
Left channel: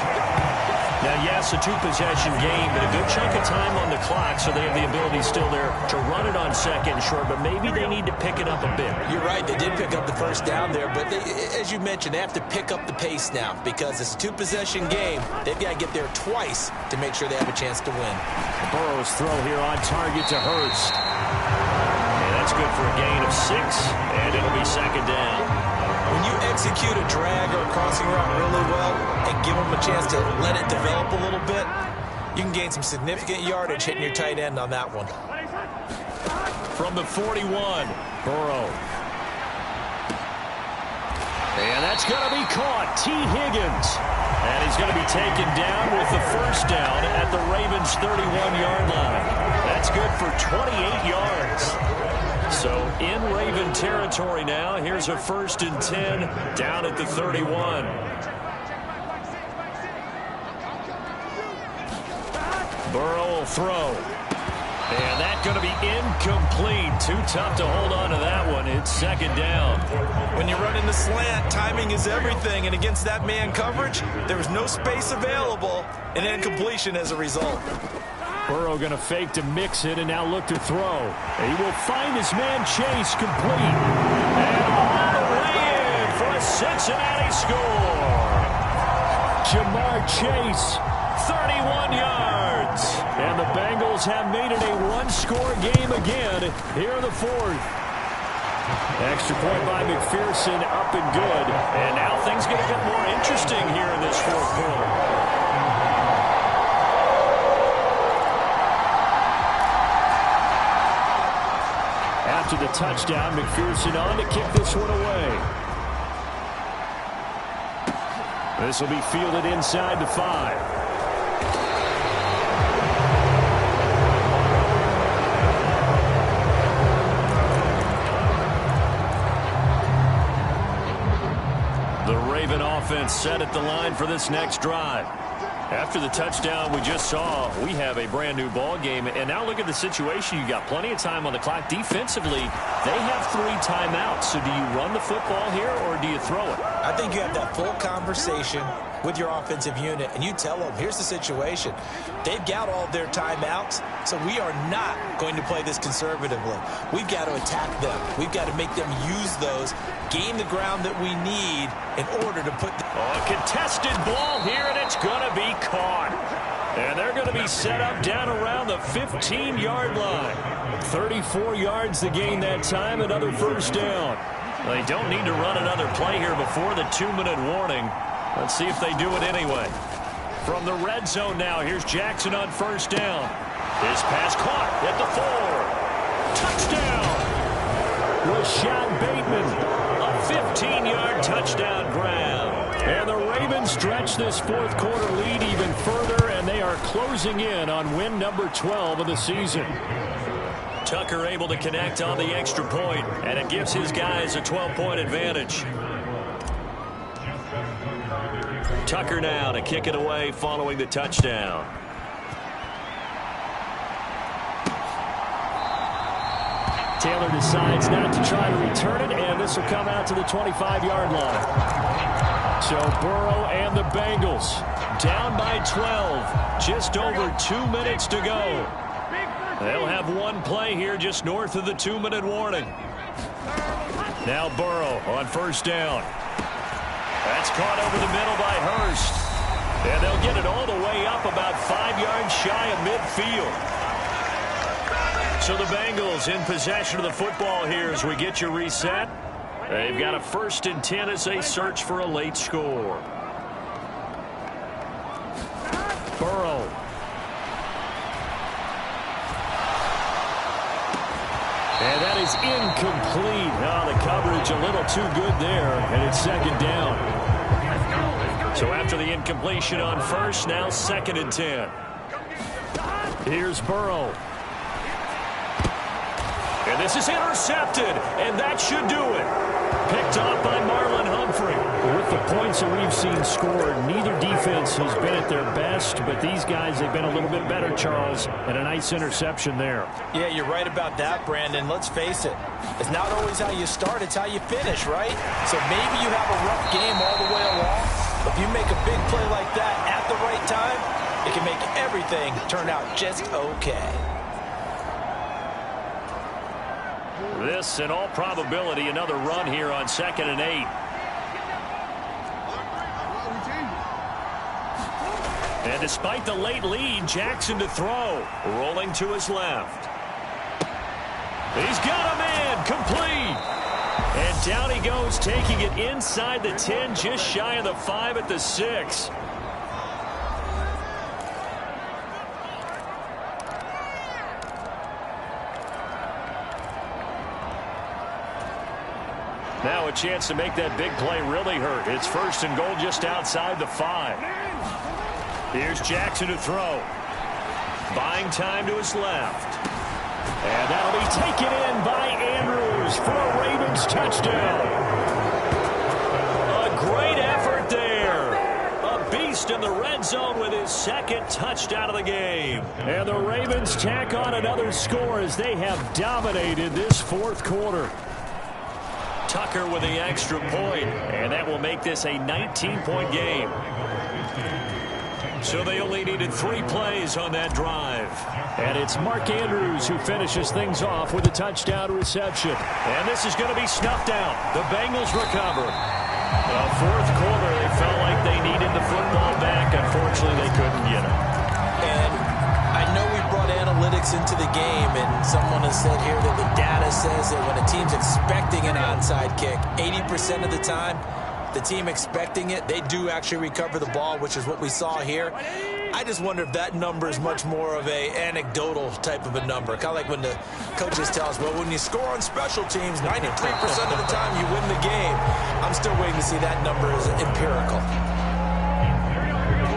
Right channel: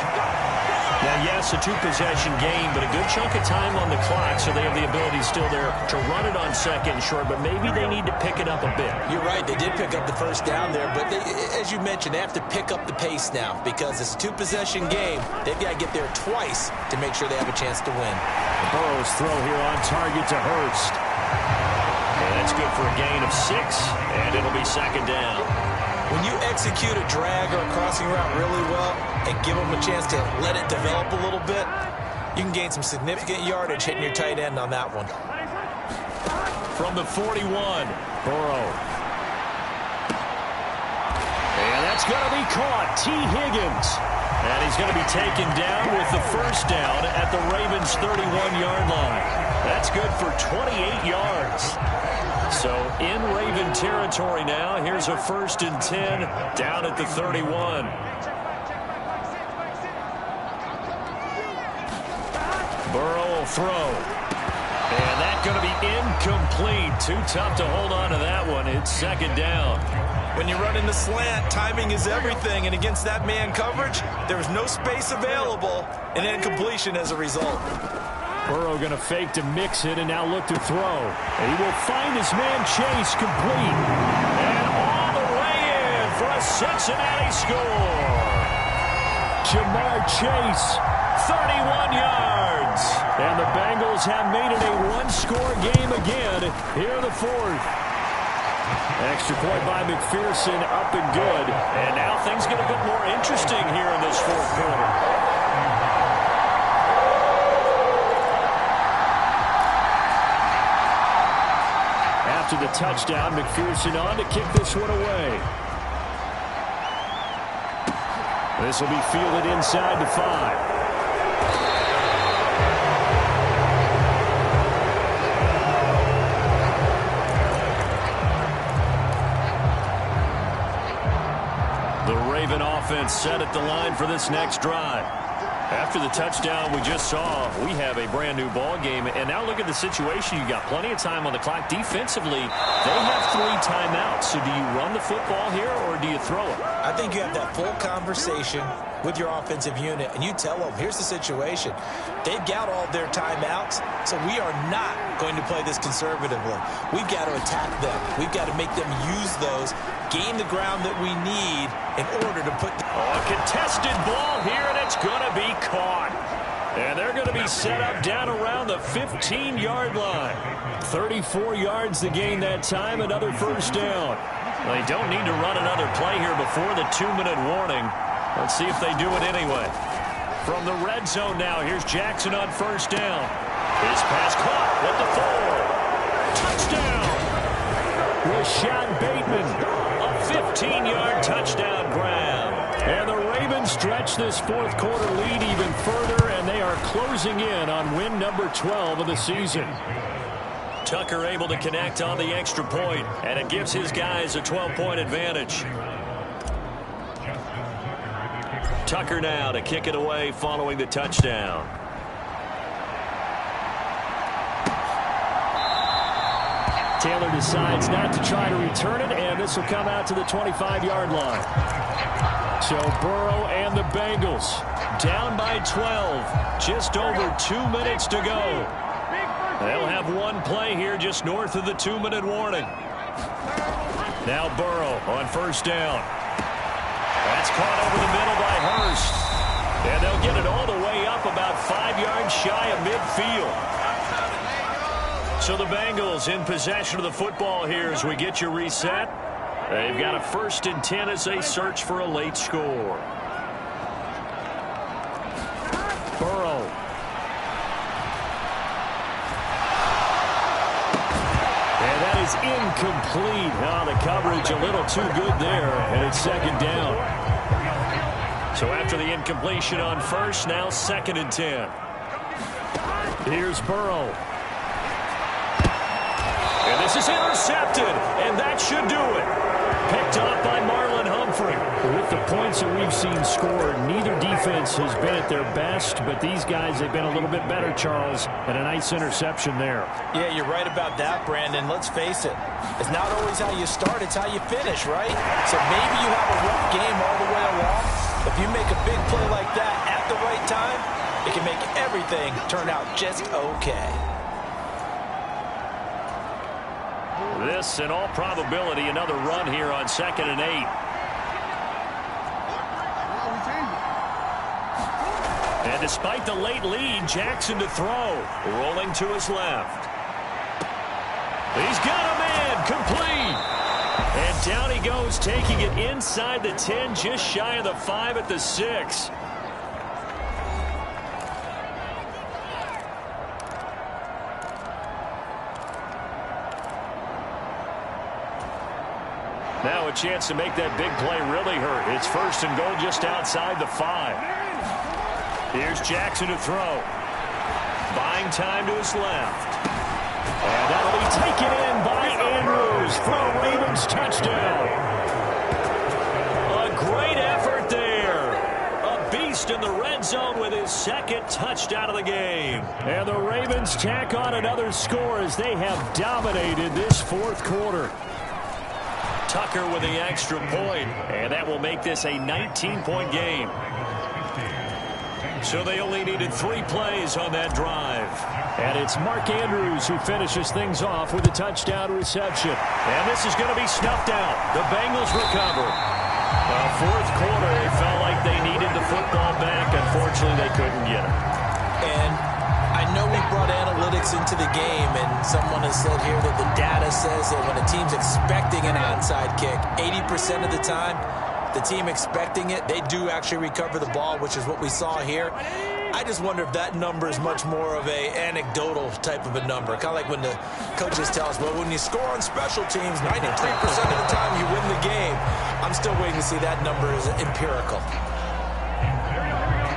Now, yes, a two-possession game, but a good chunk of time on the clock, so they have the ability still there to run it on second and short, but maybe they need to pick it up a bit. You're right. They did pick up the first down there, but as you mentioned, they have to pick up the pace now because it's a two-possession game. They've got to get there twice to make sure they have a chance to win. Burrow's throw here on target to Hurst. And that's good for a gain of 6, and it'll be second down. When you execute a drag or a crossing route really well and give them a chance to let it develop a little bit, you can gain some significant yardage hitting your tight end on that one. From the 41, Burrow. And that's going to be caught. T. Higgins. And he's going to be taken down with the first down at the Ravens' 31-yard line. That's good for 28 yards. So in Raven territory now, here's a 1st and 10 down at the 31. Burrow will throw. And that's going to be incomplete. Too tough to hold on to that one. It's second down. When you run in the slant, timing is everything. And against that man coverage, there was no space available and incompletion as a result. Burrow going to fake to mix it and now look to throw. And he will find his man Chase complete. And all the way in for a Cincinnati score. Jamar Chase, 31 yards. And the Bengals have made it a one-score game again here in the 4th. Extra point by McPherson, up and good. And now things get a bit more interesting here in this 4th quarter. After the touchdown, McPherson on to kick this one away. This will be fielded inside the 5. The Raven offense set at the line for this next drive. After the touchdown we just saw, we have a brand new ball game. And now look at the situation. You got plenty of time on the clock. Defensively, they have 3 timeouts. So do you run the football here or do you throw it? I think you have that full conversation with your offensive unit, and you tell them, here's the situation. They've got all their timeouts, so we are not going to play this conservatively. We've got to attack them. We've got to make them use those, gain the ground that we need in order to put a contested ball here, and it's going to be caught. And they're going to be set up down around the 15-yard line. 34 yards to gain that time, another first down. Well, they don't need to run another play here before the 2-minute warning. Let's see if they do it anyway. From the red zone now, here's Jackson on first down. His pass caught at the 4. Touchdown! Rashad Bateman, a 15-yard touchdown grab. And the Ravens stretch this 4th quarter lead even further, and they are closing in on win number 12 of the season. Tucker able to connect on the extra point, and it gives his guys a 12-point advantage. Tucker now to kick it away following the touchdown. Taylor decides not to try to return it, and this will come out to the 25-yard line. So Burrow and the Bengals down by 12. Just over 2 minutes to go. They'll have one play here just north of the 2-minute warning. Now Burrow on first down. That's caught over the middle by Hurst. And they'll get it all the way up about 5 yards shy of midfield. So the Bengals in possession of the football here as we get you reset. They've got a 1st and 10 as they search for a late score. Burrow. And that is incomplete. Oh, the coverage a little too good there, and it's second down. So after the incompletion on first, now 2nd and 10. Here's Burrow. And this is intercepted, and that should do it. Picked off by Marlon Humphrey. With the points that we've seen scored, neither defense has been at their best, but these guys have been a little bit better, Charles, and a nice interception there. Yeah, you're right about that, Brandon. Let's face it. It's not always how you start, it's how you finish, right? So maybe you have a rough game all the way along, but if you make a big play like that at the right right time, it can make everything turn out just okay. This, in all probability, another run here on 2nd and 8. And despite the late lead, Jackson to throw. Rolling to his left. He's got a man, complete. And down he goes, taking it inside the 10, just shy of the 5 at the 6. Now a chance to make that big play really hurt. It's 1st and goal just outside the 5. Here's Jackson to throw. Buying time to his left. And that'll be taken in by Andrews for a Ravens touchdown. A great effort there. A beast in the red zone with his 2nd touchdown of the game. And the Ravens tack on another score as they have dominated this 4th quarter. Tucker with the extra point, and that will make this a 19-point game. So they only needed 3 plays on that drive. And it's Mark Andrews who finishes things off with a touchdown reception. And this is going to be snuffed out. The Bengals recover. 4th quarter, they felt like they needed the football back. Unfortunately, they couldn't get it. And I know we brought analytics into the game, and someone has said here that the data says that when a team's expecting an onside kick, 80% of the time, the team expecting it, they do actually recover the ball, which is what we saw here. I just wonder if that number is much more of a anecdotal type of a number. Kind of like when the coaches tell us, well, when you score on special teams, 93% of the time you win the game. I'm still waiting to see that number is empirical.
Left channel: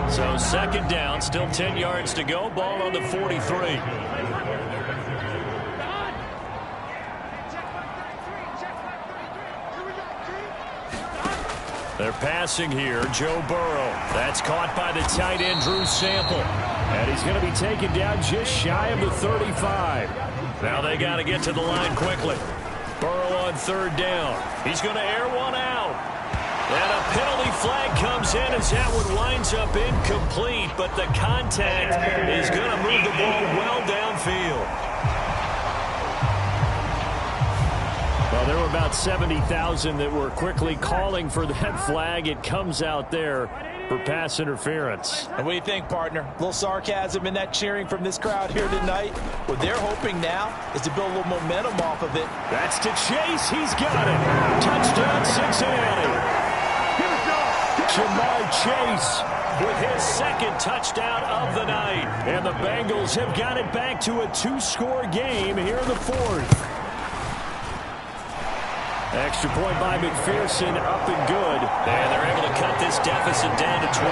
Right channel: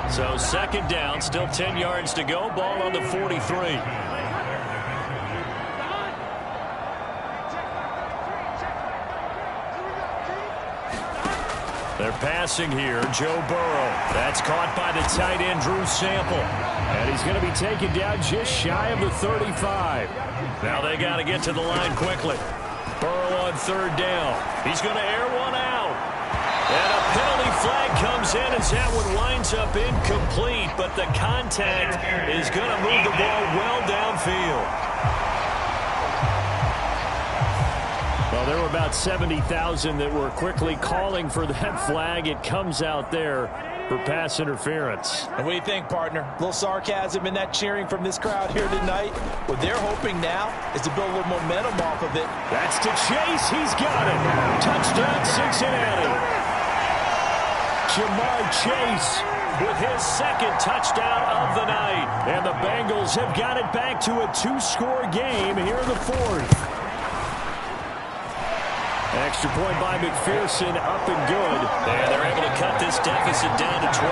So 2nd down, still 10 yards to go. Ball on the 43. They're passing here. Joe Burrow. That's caught by the tight end, Drew Sample. And he's going to be taken down just shy of the 35. Now they got to get to the line quickly. Burrow on 3rd down. He's going to air one out. And a penalty flag comes in as that one winds up incomplete. But the contact is going to move the ball well downfield. Well, there were about 70,000 that were quickly calling for that flag. It comes out there for pass interference. And what do you think, partner? A little sarcasm in that cheering from this crowd here tonight. What they're hoping now is to build a little momentum off of it. That's to Chase. He's got it. Touchdown, Cincinnati. Jamar Chase with his 2nd touchdown of the night. And the Bengals have got it back to a 2-score game here in the 4th. Extra point by McPherson, up and good. And they're able to cut this deficit down to 12.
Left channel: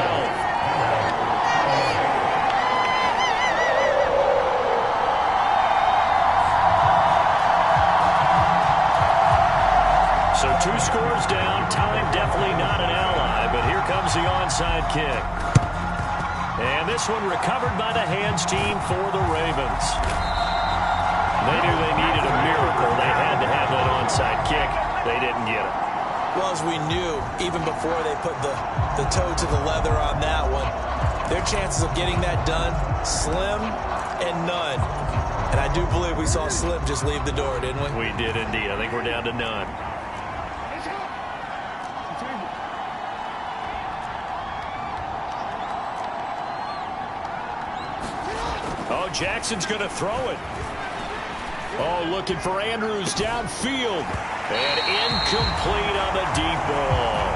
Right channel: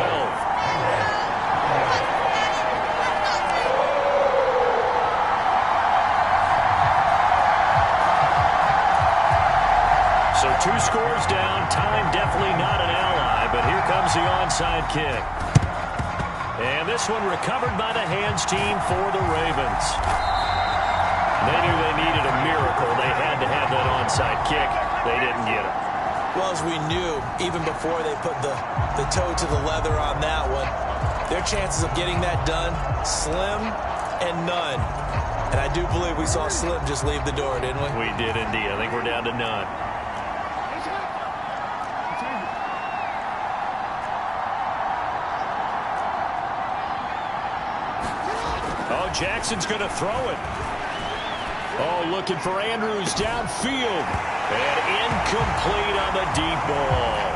So 2 scores down. Time definitely not an ally, but here comes the onside kick. And this one recovered by the hands team for the Ravens. They knew they needed a miracle. They had to have that onside kick. They didn't get it. Well, as we knew, even before they put the toe to the leather on that one, their chances of getting that done, slim and none. And I do believe we saw Slim just leave the door, didn't we? We did indeed. I think we're down to none. Oh, Jackson's going to throw it. Oh, looking for Andrews downfield. And incomplete on the deep ball.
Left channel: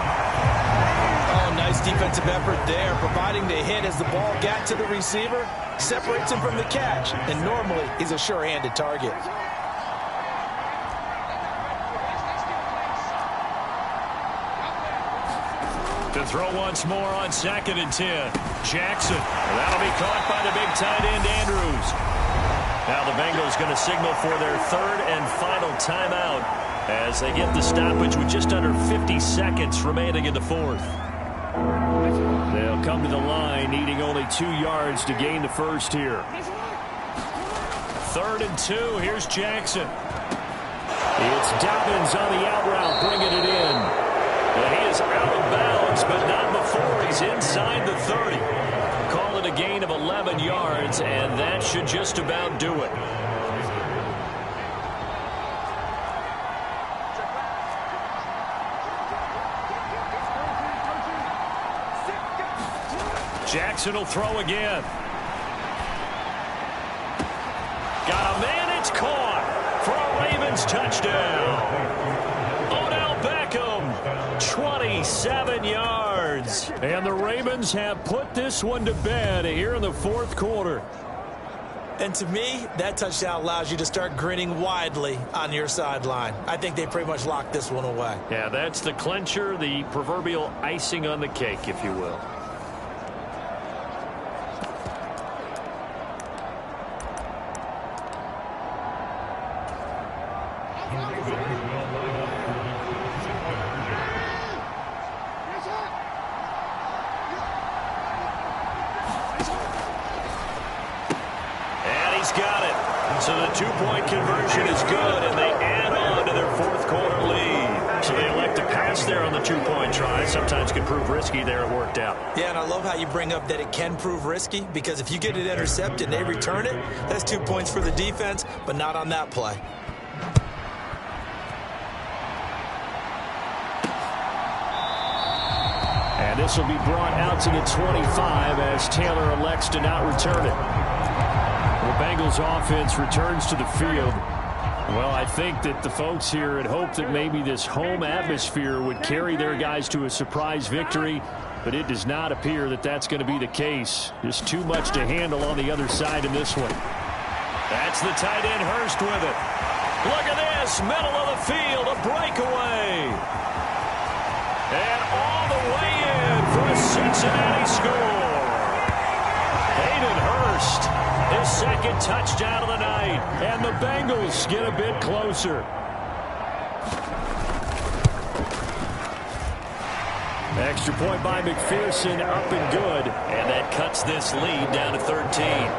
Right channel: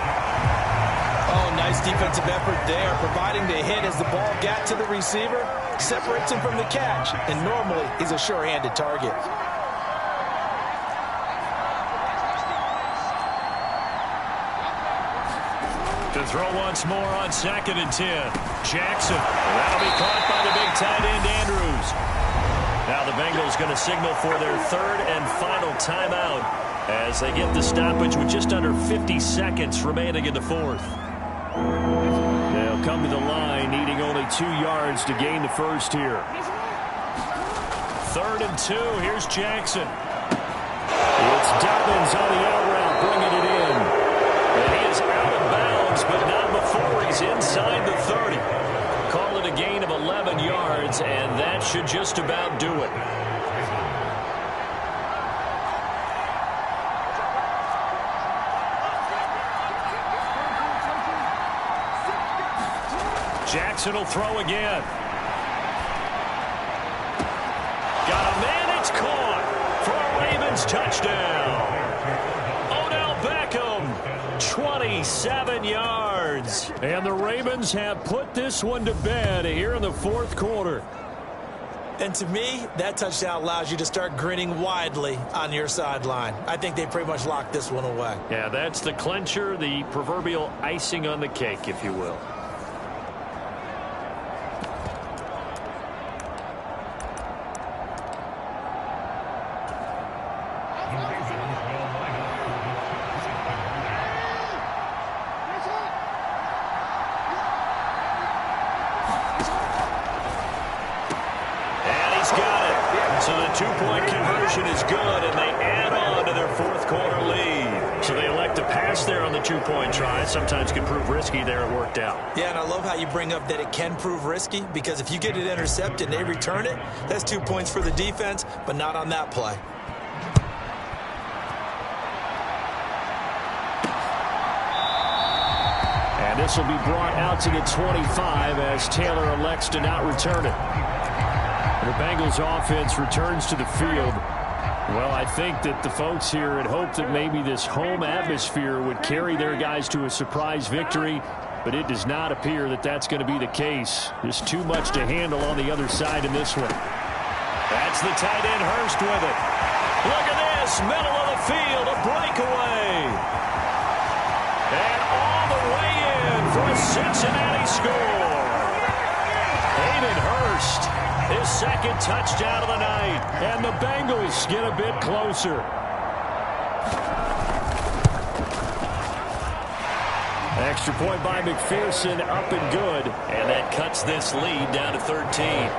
Oh, nice defensive effort there, providing the hit as the ball got to the receiver, separates him from the catch, and normally he's a sure-handed target. To throw once more on 2nd and 10. Jackson. And that'll be caught by the big tight end, Andrews. Now the Bengals going to signal for their 3rd and final timeout as they get the stoppage with just under 50 seconds remaining in the 4th. They'll come to the line needing only 2 yards to gain the 1st here. 3rd and 2. Here's Jackson. It's Dobbins on the out route bringing it in. And he is out of bounds, but not before he's inside the 30. call it a gain of 11 yards, and that should just about do it. Jackson will throw again. Got a man, it's caught for a Ravens touchdown. Odell Beckham, 27 yards. And the Ravens have put this one to bed here in the fourth quarter. And to me, that touchdown allows you to start grinning widely on your sideline. I think they pretty much locked this one away. Yeah, that's the clincher, the proverbial icing on the cake, if you will. So the two-point conversion is good, and they add on to their fourth quarter lead. So they elect to pass there on the two-point try. Sometimes can prove risky there. It worked out. Yeah, and I love how you bring up that it can prove risky, because if you get it intercepted and they return it, that's 2 points for the defense, but not on that play. And this will be brought out to the 25 as Taylor elects to not return it. The Bengals offense returns to the field. Well, I think that the folks here had hoped that maybe this home atmosphere would carry their guys to a surprise victory, but it does not appear that that's going to be the case. Just too much to handle on the other side in this one. That's the tight end Hurst with it. Look at this, middle of the field, a breakaway. And all the way in for a Cincinnati score. Hayden Hurst, his second touchdown of the night. And the Bengals get a bit closer. Extra point by McPherson, up and good. And that cuts this lead down to 13.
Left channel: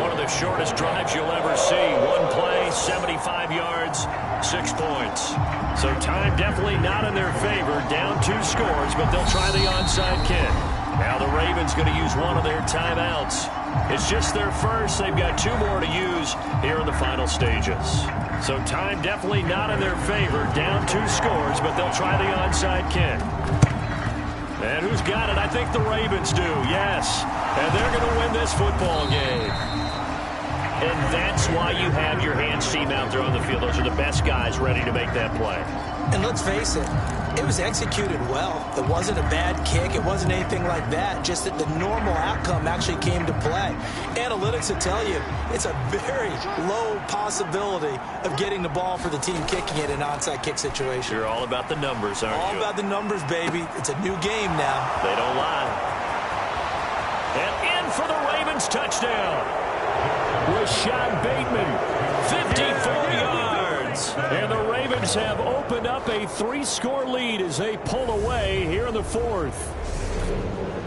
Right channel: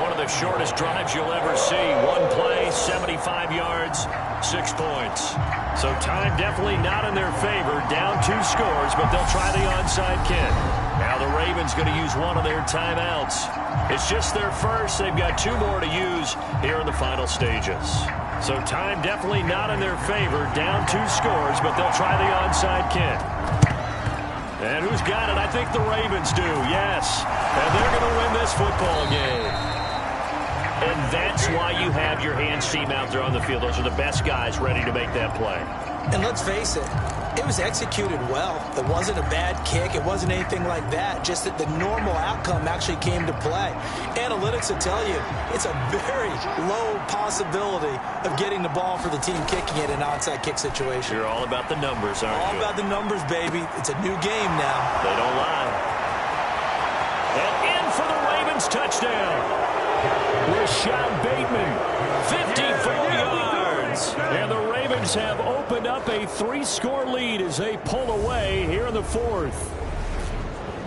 One of the shortest drives you'll ever see. One play, 75 yards, 6 points. So time definitely not in their favor. Down 2 scores, but they'll try the onside kick. Now the Ravens going to use one of their timeouts. It's just their first. They've got 2 more to use here in the final stages. So time definitely not in their favor. Down 2 scores, but they'll try the onside kick. And who's got it? I think the Ravens do, yes. And they're going to win this football game. And that's why you have your hands team out there on the field. Those are the best guys ready to make that play. And let's face it, it was executed well. It wasn't a bad kick. It wasn't anything like that. Just that the normal outcome actually came to play. Analytics will tell you it's a very low possibility of getting the ball for the team kicking it in an onside kick situation. You're all about the numbers, aren't you? All about the numbers, baby. It's a new game now. They don't lie. And in for the Ravens touchdown. Rashad Bateman, 54 yards. And the Ravens have opened up a 3-score lead as they pull away here in the fourth.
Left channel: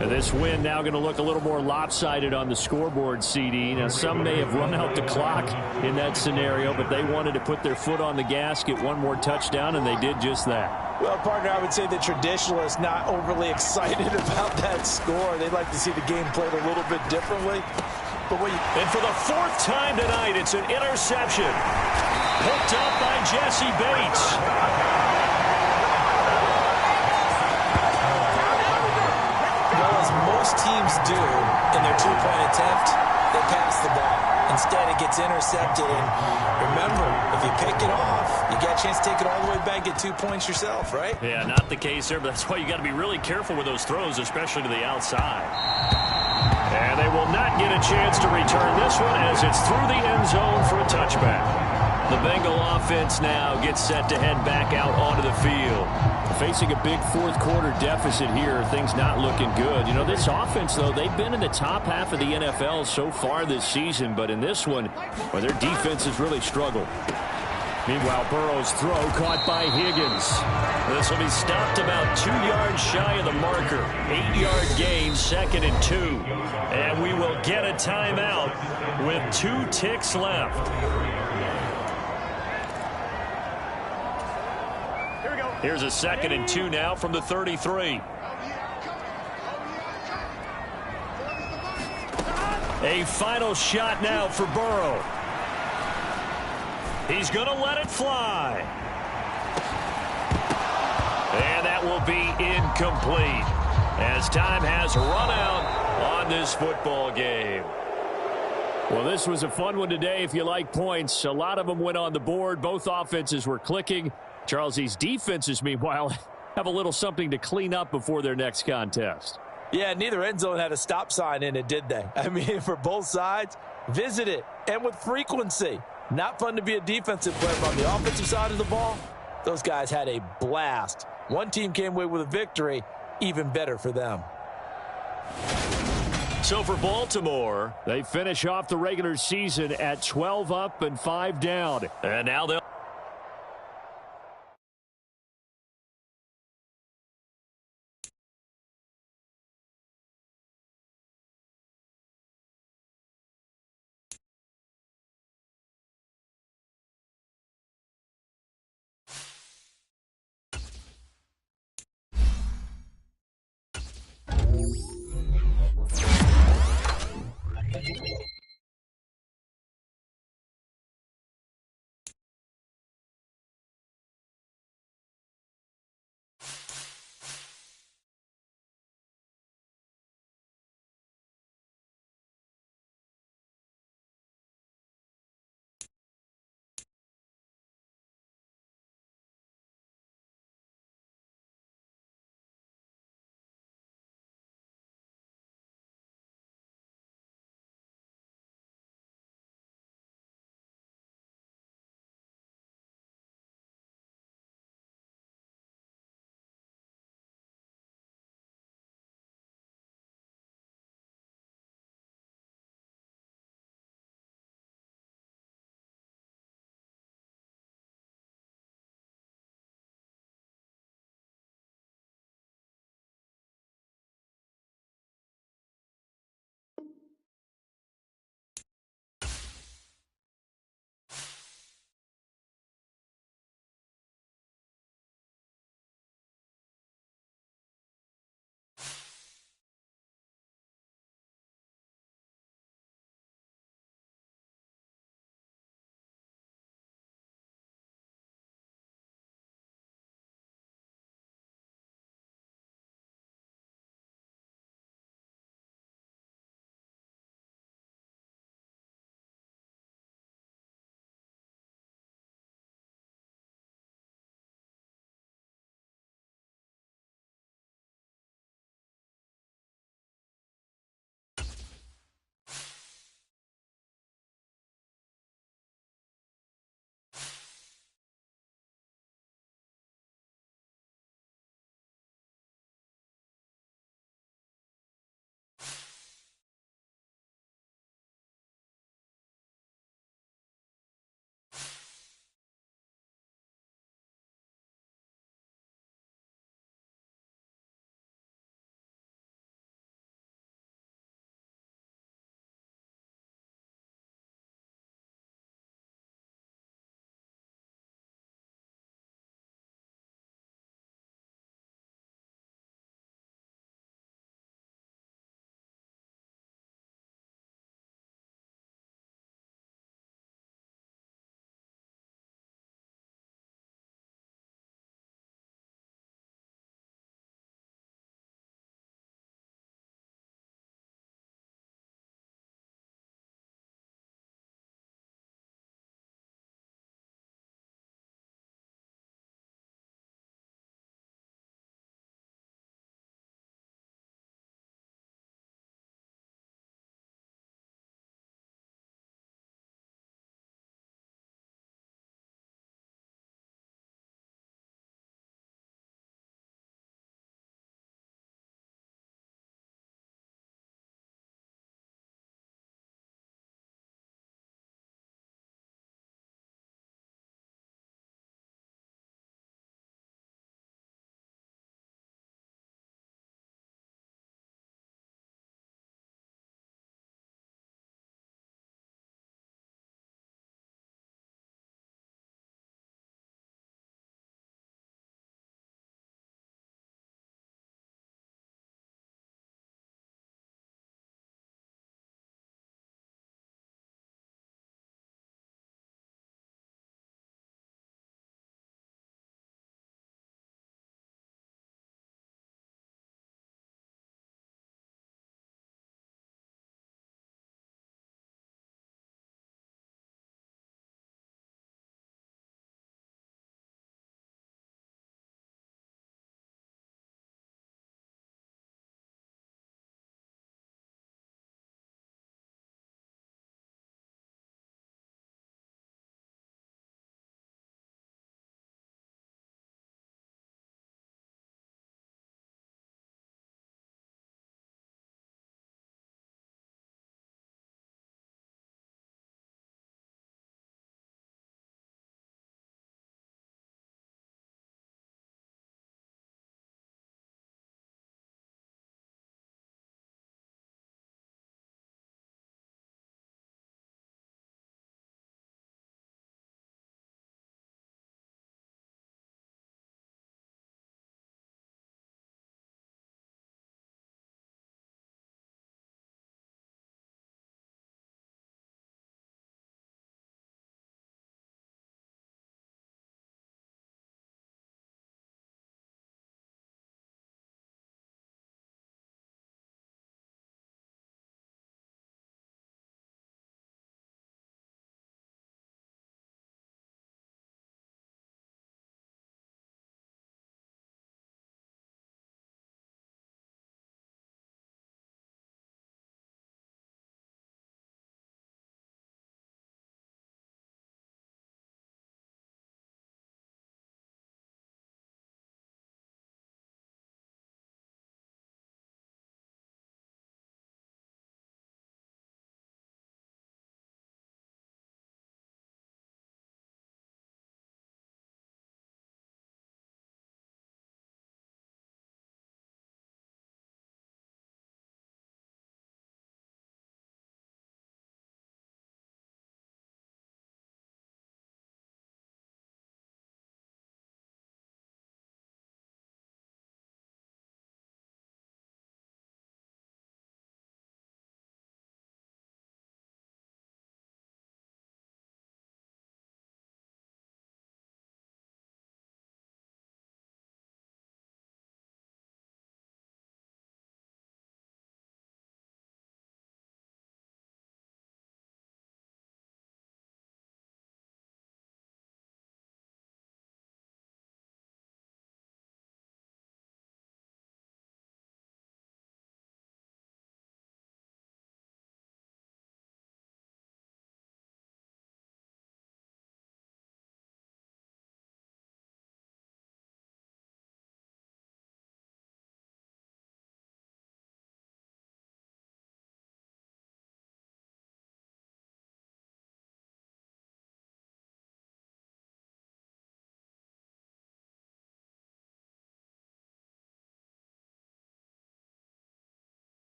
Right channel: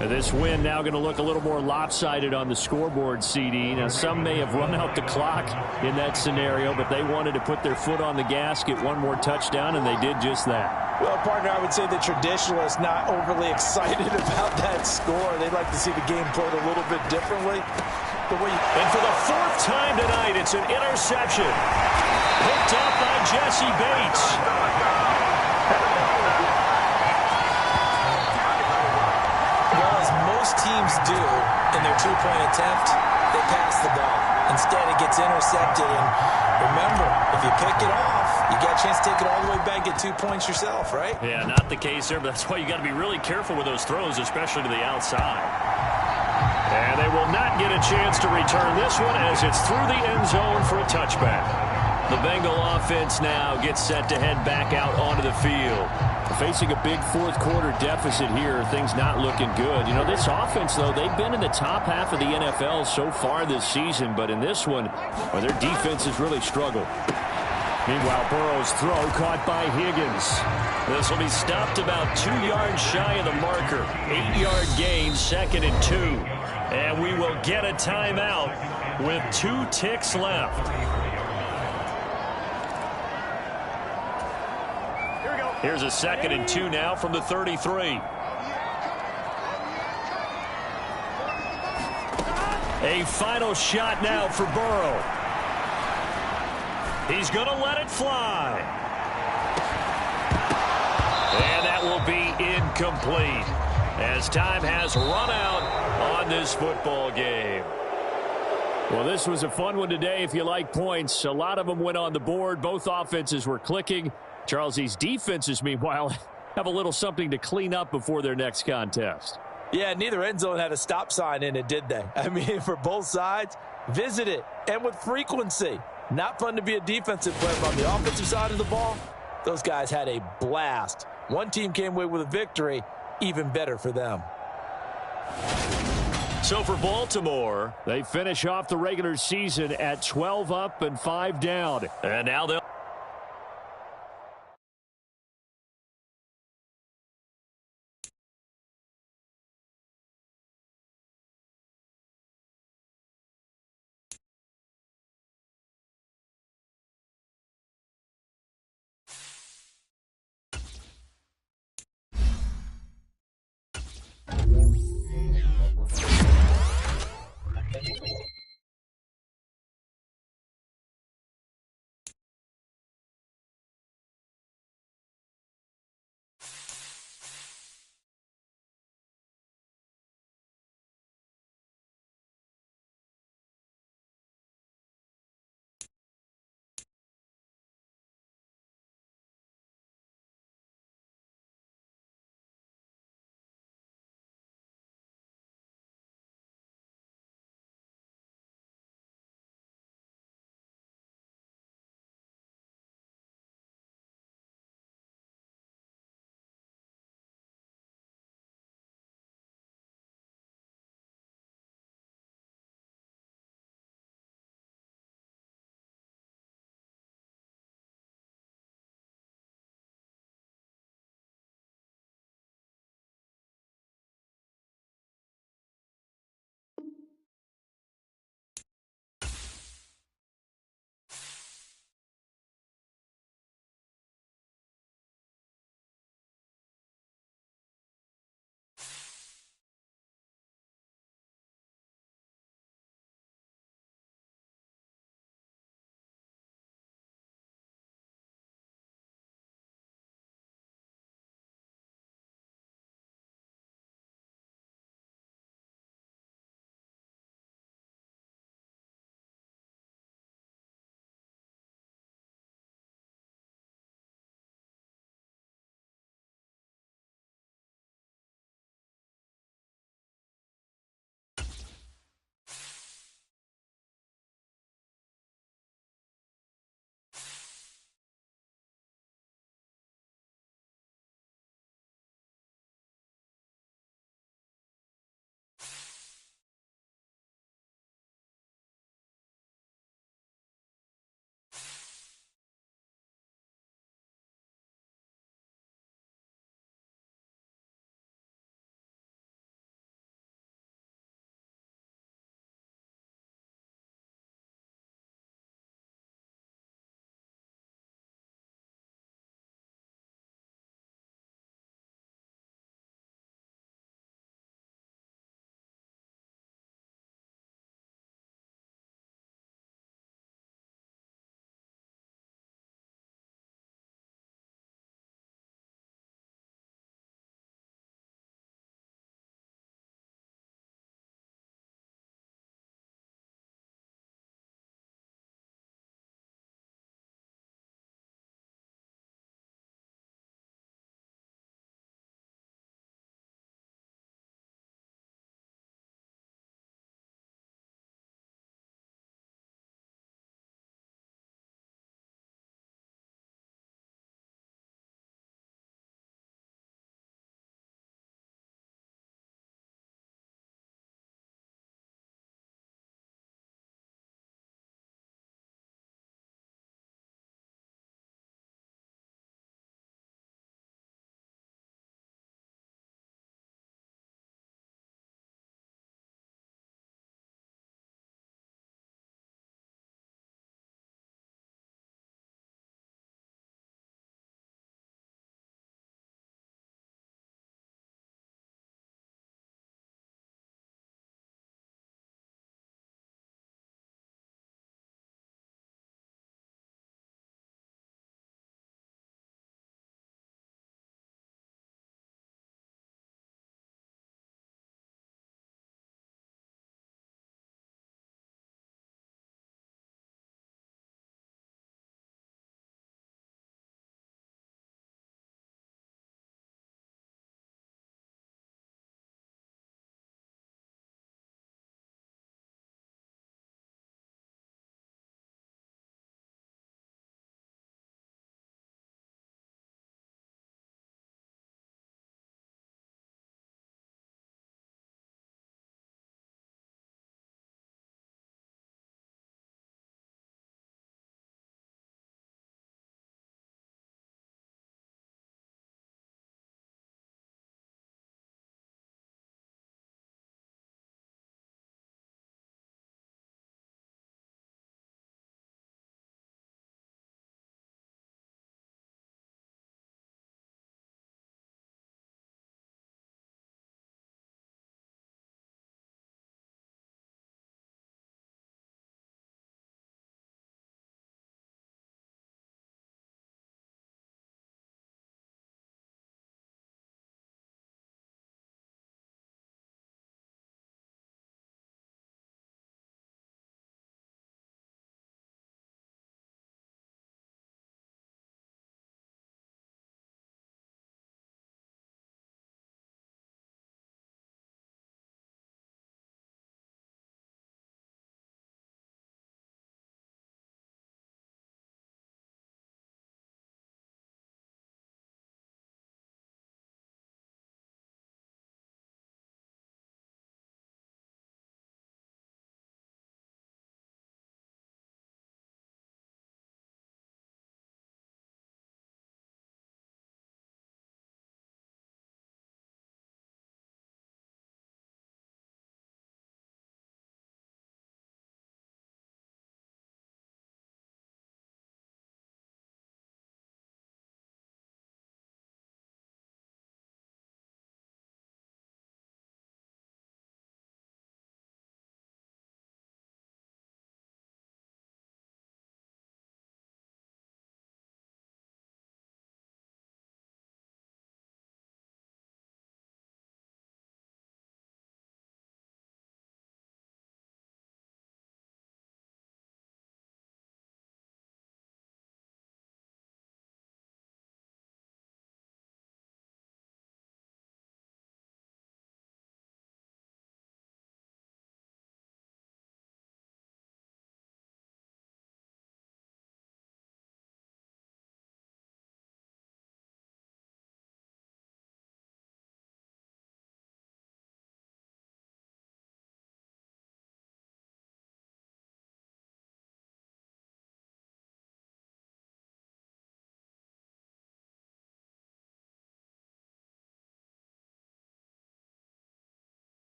And this win now going to look a little more lopsided on the scoreboard, CD. Now, some may have run out the clock in that scenario, but they wanted to put their foot on the gas, get one more touchdown, and they did just that. Well, partner, I would say the traditionalists not overly excited about that score. They'd like to see the game played a little bit differently. And for the 4th time tonight, it's an interception. Picked up by Jesse Bates. Well, as most teams do in their 2-point attempt, they pass the ball. Instead, it gets intercepted. And remember, if you pick it off, you got a chance to take it all the way back, get 2 points yourself, right? Yeah, not the case there, but that's why you got to be really careful with those throws, especially to the outside. And they will not get a chance to return this one as it's through the end zone for a touchback. The Bengal offense now gets set to head back out onto the field. Facing a big fourth quarter deficit here, things not looking good. You know, this offense, though, they've been in the top half of the NFL so far this season, but in this one, well, their defense has really struggled. Meanwhile, Burrow's throw caught by Higgins. This will be stopped about 2 yards shy of the marker. 8-yard gain, 2nd and 2. And we will get a timeout with 2 ticks left. Here's a 2nd and 2 now from the 33. A final shot now for Burrow. He's going to let it fly. And that will be incomplete as time has run out on this football game. Well, this was a fun one today if you like points. A lot of them went on the board. Both offenses were clicking. Charles, these defenses, meanwhile, have a little something to clean up before their next contest. Yeah, neither end zone had a stop sign in it, did they? I mean, for both sides, visit it, and with frequency. Not fun to be a defensive player, but on the offensive side of the ball, those guys had a blast. One team came away with a victory, even better for them. So for Baltimore, they finish off the regular season at 12 up and 5 down. And now they'll